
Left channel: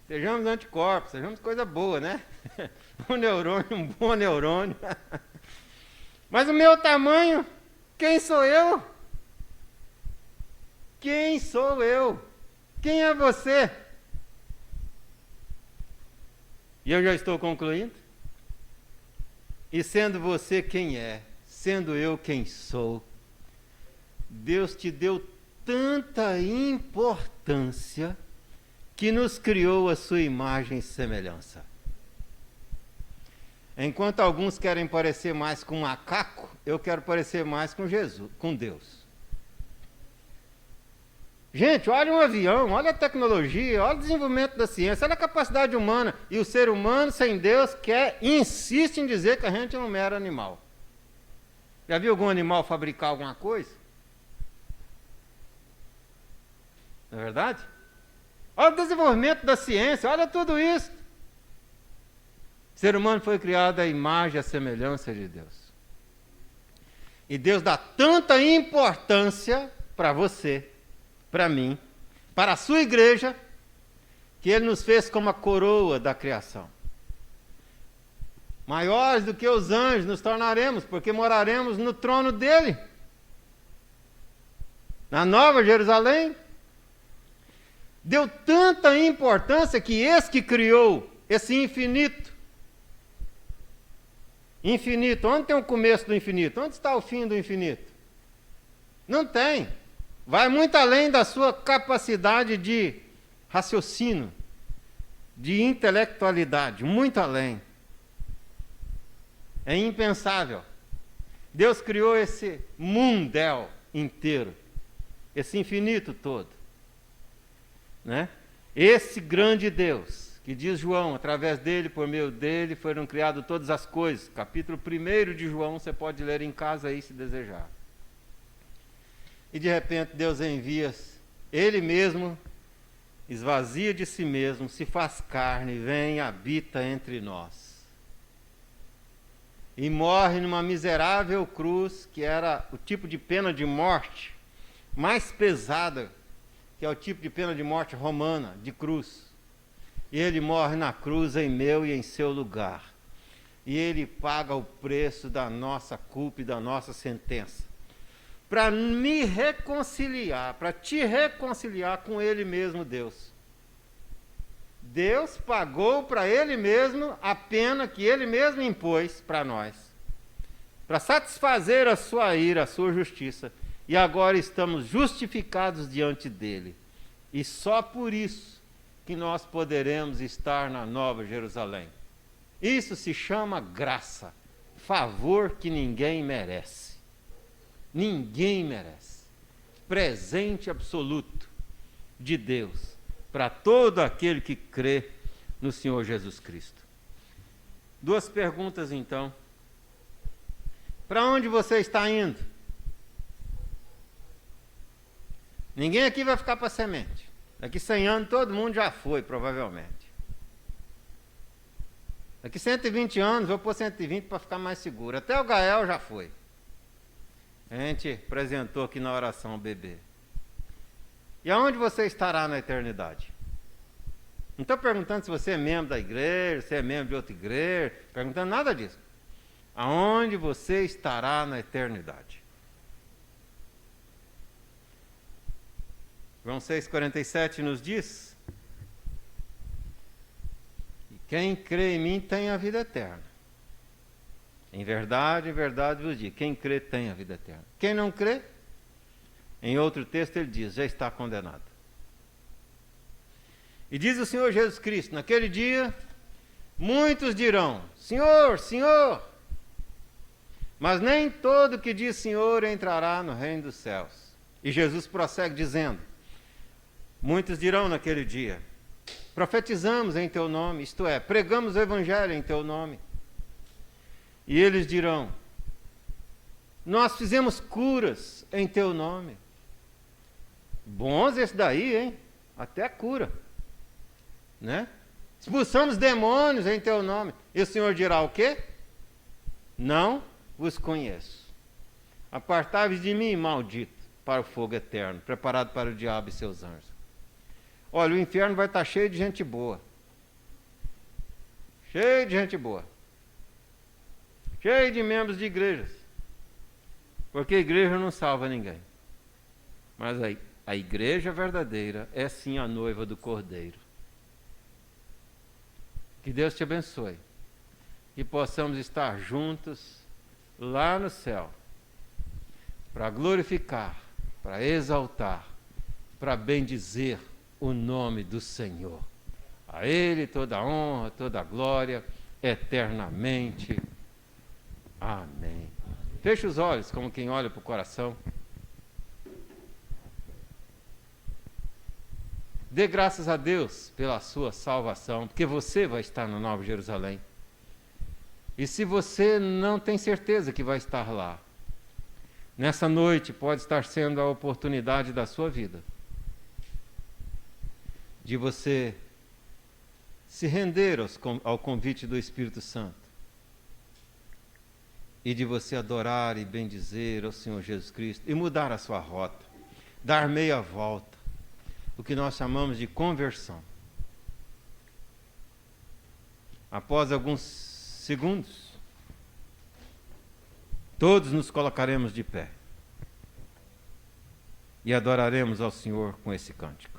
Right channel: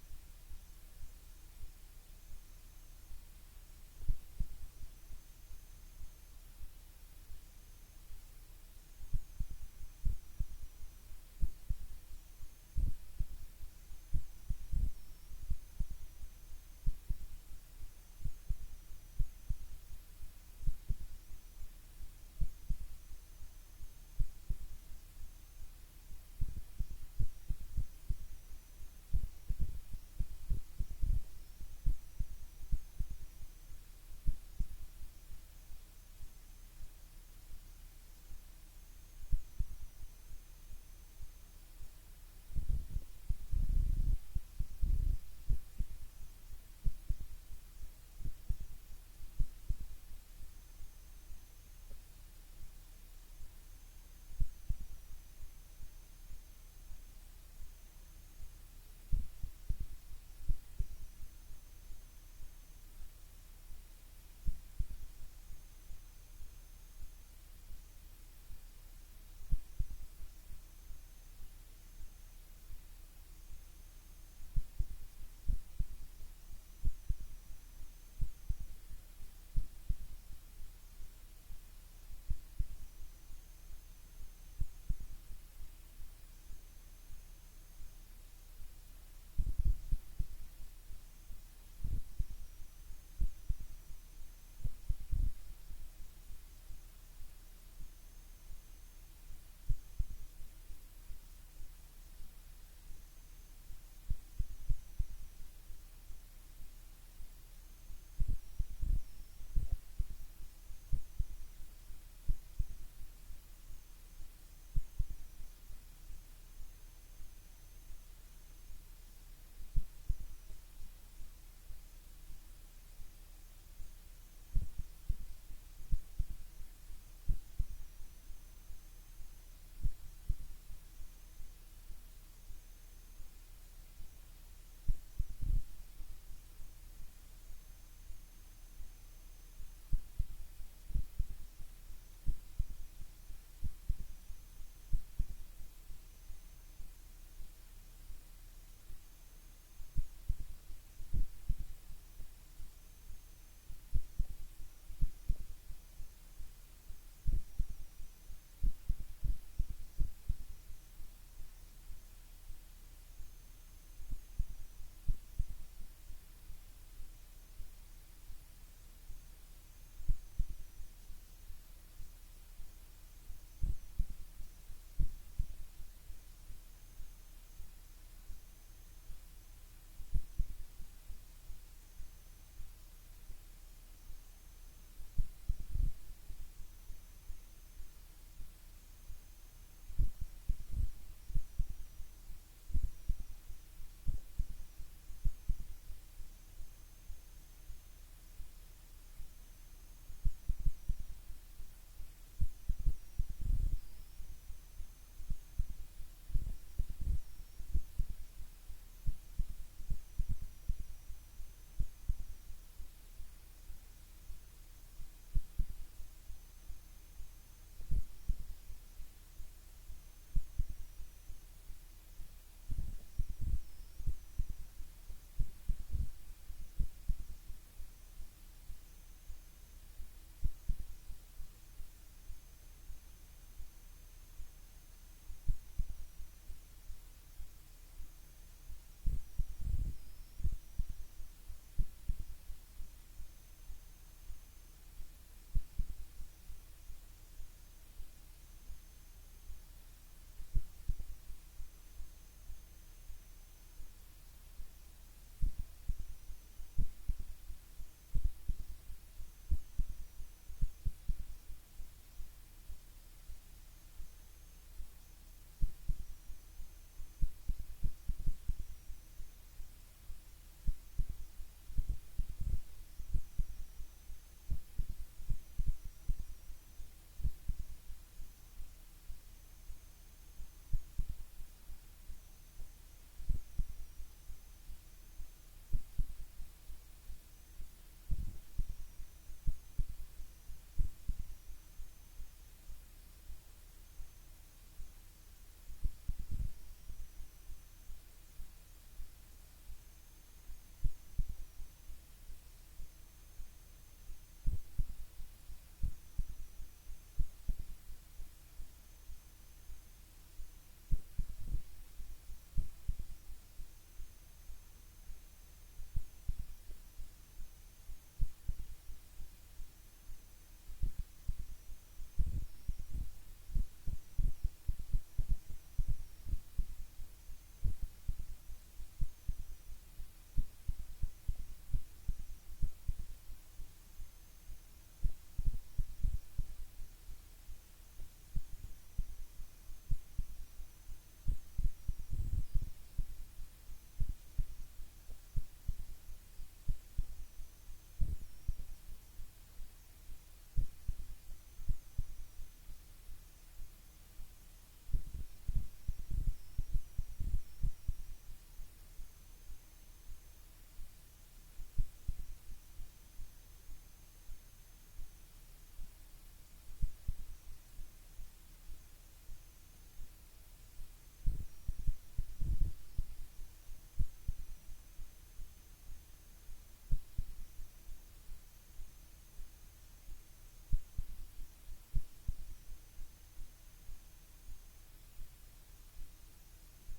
Sejamos anticorpos, sejamos coisa boa, né? Um neurônio, um bom neurônio. Mas o meu tamanho, quem sou eu? Quem sou eu? Quem é você? E eu já estou concluindo. E sendo você quem é, sendo eu quem sou, Deus te deu tanta importância que nos criou a sua imagem e semelhança. Enquanto alguns querem parecer mais com um macaco, eu quero parecer mais com Jesus, com Deus. Gente, olha um avião, olha a tecnologia, olha o desenvolvimento da ciência, olha a capacidade humana. E o ser humano sem Deus insiste em dizer que a gente é um mero animal. Já viu algum animal fabricar alguma coisa? Não é verdade? Olha o desenvolvimento da ciência, olha tudo isso. O ser humano foi criado à imagem e à semelhança de Deus. E Deus dá tanta importância para você, para mim, para a sua igreja, que Ele nos fez como a coroa da criação. Maiores do que os anjos nos tornaremos, porque moraremos no trono dEle. Na Nova Jerusalém. Deu tanta importância que esse que criou esse infinito. Infinito, onde tem o começo do infinito? Onde está o fim do infinito? Não tem. Vai muito além da sua capacidade de raciocínio, de intelectualidade, muito além. É impensável. Deus criou esse mundel inteiro, esse infinito todo. Né? Esse grande Deus, que diz João, através dele, por meio dele, foram criadas todas as coisas. Capítulo 1 de João, você pode ler em casa aí se desejar. E de repente Deus envia, Ele mesmo, esvazia de si mesmo, se faz carne, vem e habita entre nós. E morre numa miserável cruz, que era o tipo de pena de morte mais pesada, que é o tipo de pena de morte romana, de cruz. E Ele morre na cruz em meu e em seu lugar. E Ele paga o preço da nossa culpa e da nossa sentença. Para me reconciliar, para te reconciliar com Ele mesmo, Deus. Deus pagou para Ele mesmo a pena que Ele mesmo impôs para nós. Para satisfazer a sua ira, a sua justiça. E agora estamos justificados diante dele. E só por isso que nós poderemos estar na Nova Jerusalém. Isso se chama graça. Favor que ninguém merece. Ninguém merece. Presente absoluto de Deus para todo aquele que crê no Senhor Jesus Cristo. Duas perguntas então. Para onde você está indo? Ninguém aqui vai ficar para semente. Daqui 100 anos todo mundo já foi, provavelmente. Daqui 120 anos, vou pôr 120 para ficar mais seguro. Até o Gael já foi. A gente apresentou aqui na oração o bebê. E aonde você estará na eternidade? Não estou perguntando se você é membro da igreja, se é membro de outra igreja, perguntando nada disso. Aonde você estará na eternidade? João 6,47 nos diz: quem crê em mim tem a vida eterna. Em verdade vos digo, quem crê tem a vida eterna. Quem não crê, em outro texto ele diz, já está condenado. E diz o Senhor Jesus Cristo, naquele dia, muitos dirão, Senhor, Senhor, mas nem todo que diz Senhor entrará no reino dos céus. E Jesus prossegue dizendo, Muitos dirão naquele dia: profetizamos em teu nome, isto é, pregamos o evangelho em teu nome. E eles dirão: nós fizemos curas em teu nome. Bons esse daí, hein? Até cura, né? Expulsamos demônios em teu nome. E o Senhor dirá o quê? Não vos conheço. Apartai-vos de mim, maldito, para o fogo eterno, preparado para o diabo e seus anjos. Olha, o inferno vai estar cheio de gente boa. Cheio de gente boa. Cheio de membros de igrejas. Porque a igreja não salva ninguém. Mas a igreja verdadeira é sim a noiva do Cordeiro. Que Deus te abençoe. E possamos estar juntos lá no céu. Para glorificar, para exaltar, para bendizer o nome do Senhor. A Ele toda a honra, toda a glória, eternamente. Amém. Feche os olhos, como quem olha para o coração. Dê graças a Deus pela sua salvação, porque você vai estar na Nova Jerusalém. E se você não tem certeza que vai estar lá, nessa noite pode estar sendo a oportunidade da sua vida, de você se render ao convite do Espírito Santo e de você adorar e bendizer ao Senhor Jesus Cristo e mudar a sua rota, dar meia volta, o que nós chamamos de conversão. Após alguns segundos, todos nos colocaremos de pé e adoraremos ao Senhor com esse cântico.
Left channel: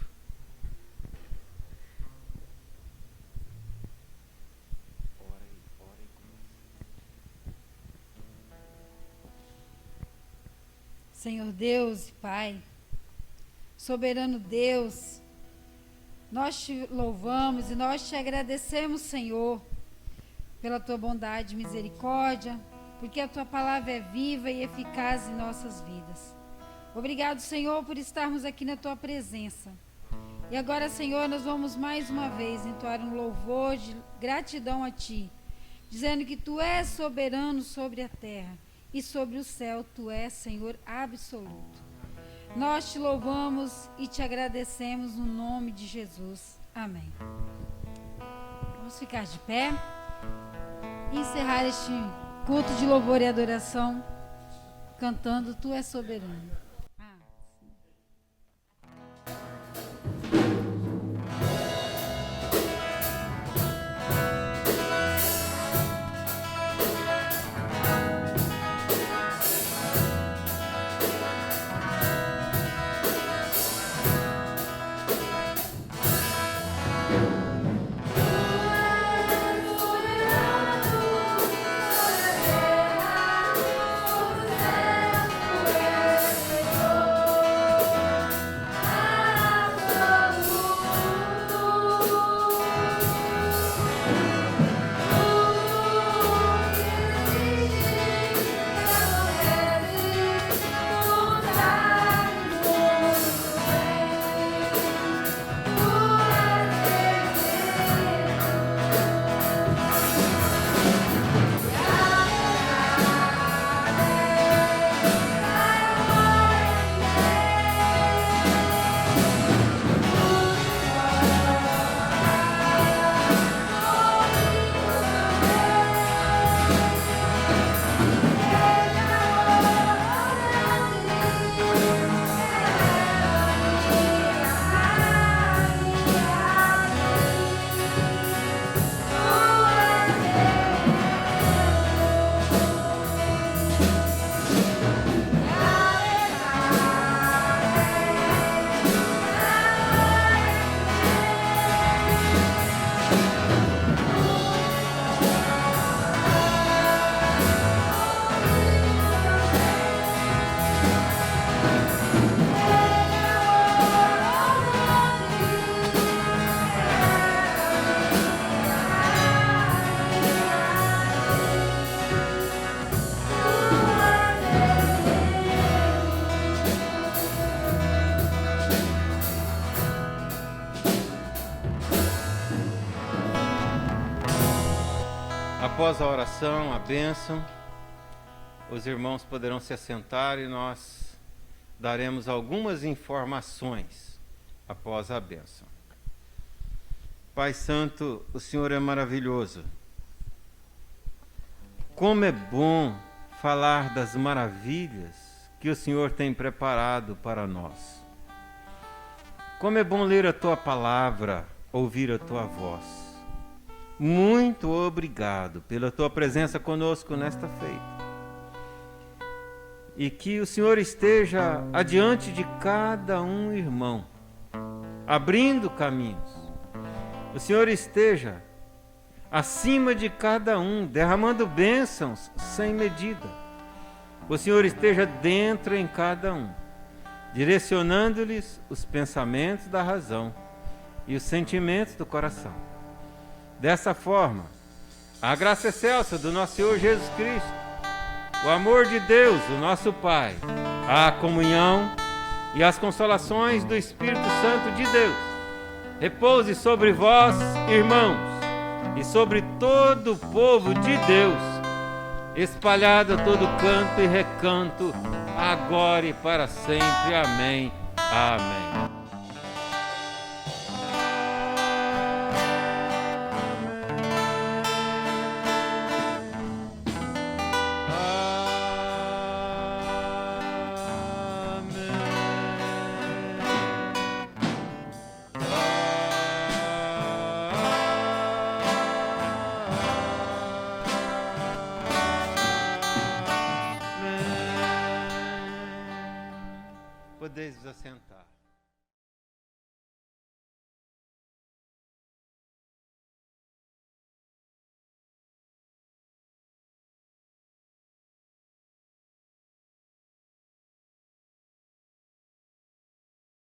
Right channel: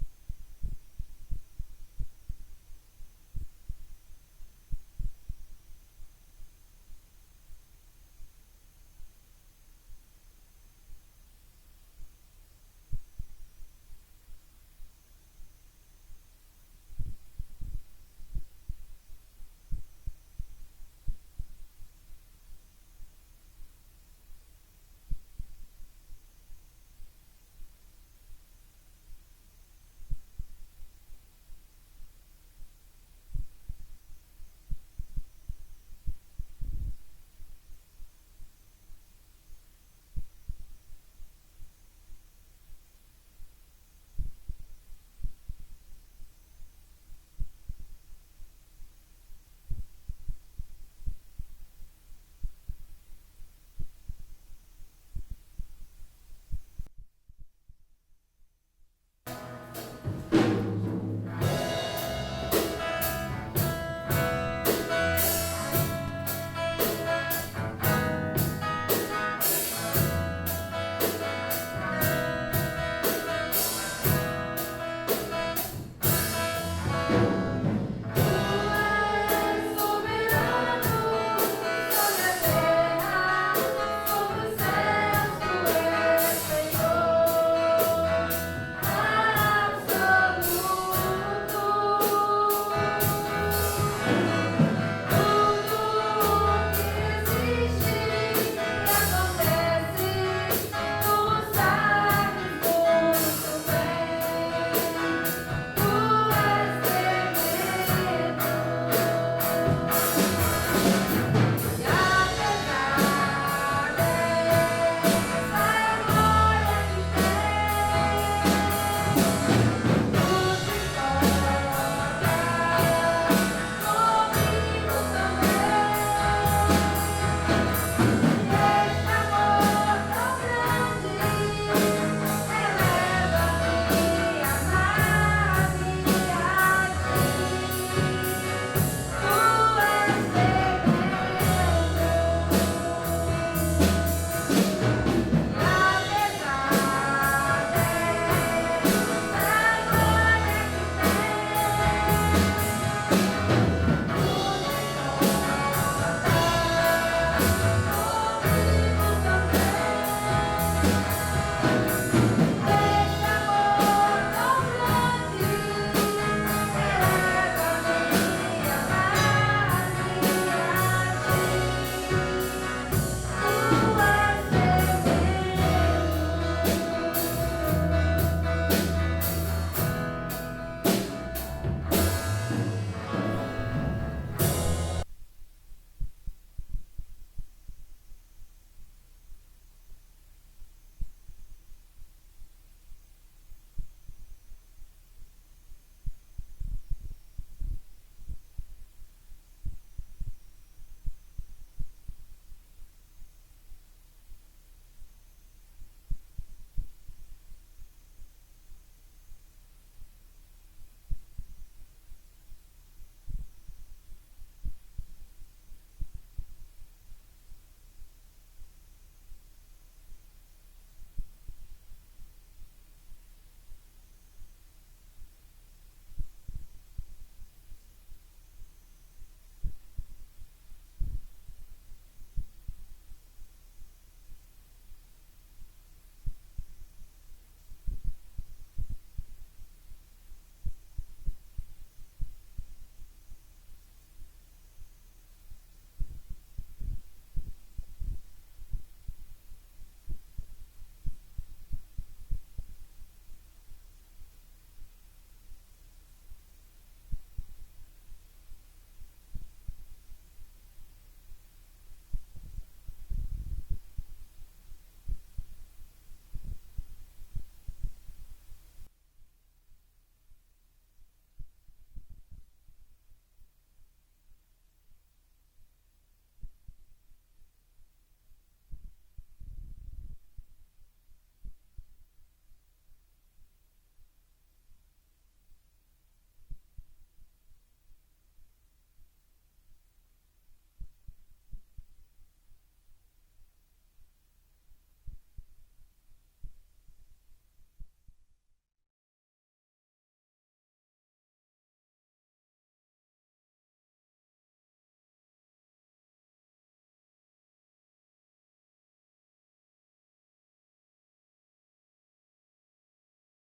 Senhor Deus e Pai, soberano Deus, nós te louvamos e nós te agradecemos, Senhor, pela tua bondade e misericórdia, porque a tua palavra é viva e eficaz em nossas vidas. Obrigado, Senhor, por estarmos aqui na tua presença. E agora, Senhor, nós vamos mais uma vez entoar um louvor de gratidão a ti, dizendo que tu és soberano sobre a terra e sobre o céu, tu és, Senhor, absoluto. Nós te louvamos e te agradecemos no nome de Jesus. Amém. Vamos ficar de pé e encerrar este culto de louvor e adoração cantando Tu és soberano. Sobre a terra, sobre os céus, tu és. após a oração, a bênção, os irmãos poderão se assentar e nós daremos algumas informações após a bênção. Pai Santo, o Senhor é maravilhoso. Como é bom falar das maravilhas que o Senhor tem preparado para nós. Como é bom ler a Tua palavra, ouvir a Tua voz. Muito obrigado pela Tua presença conosco nesta feita. E que o Senhor esteja adiante de cada um irmão, abrindo caminhos. O Senhor esteja acima de cada um, derramando bênçãos sem medida. O Senhor esteja dentro em cada um, direcionando-lhes os pensamentos da razão e os sentimentos do coração. Dessa forma, a graça excelsa do nosso Senhor Jesus Cristo, o amor de Deus, o nosso Pai, a comunhão e as consolações do Espírito Santo de Deus, repouse sobre vós, irmãos, e sobre todo o povo de Deus, espalhado a todo canto e recanto, agora e para sempre. Amém. Amém.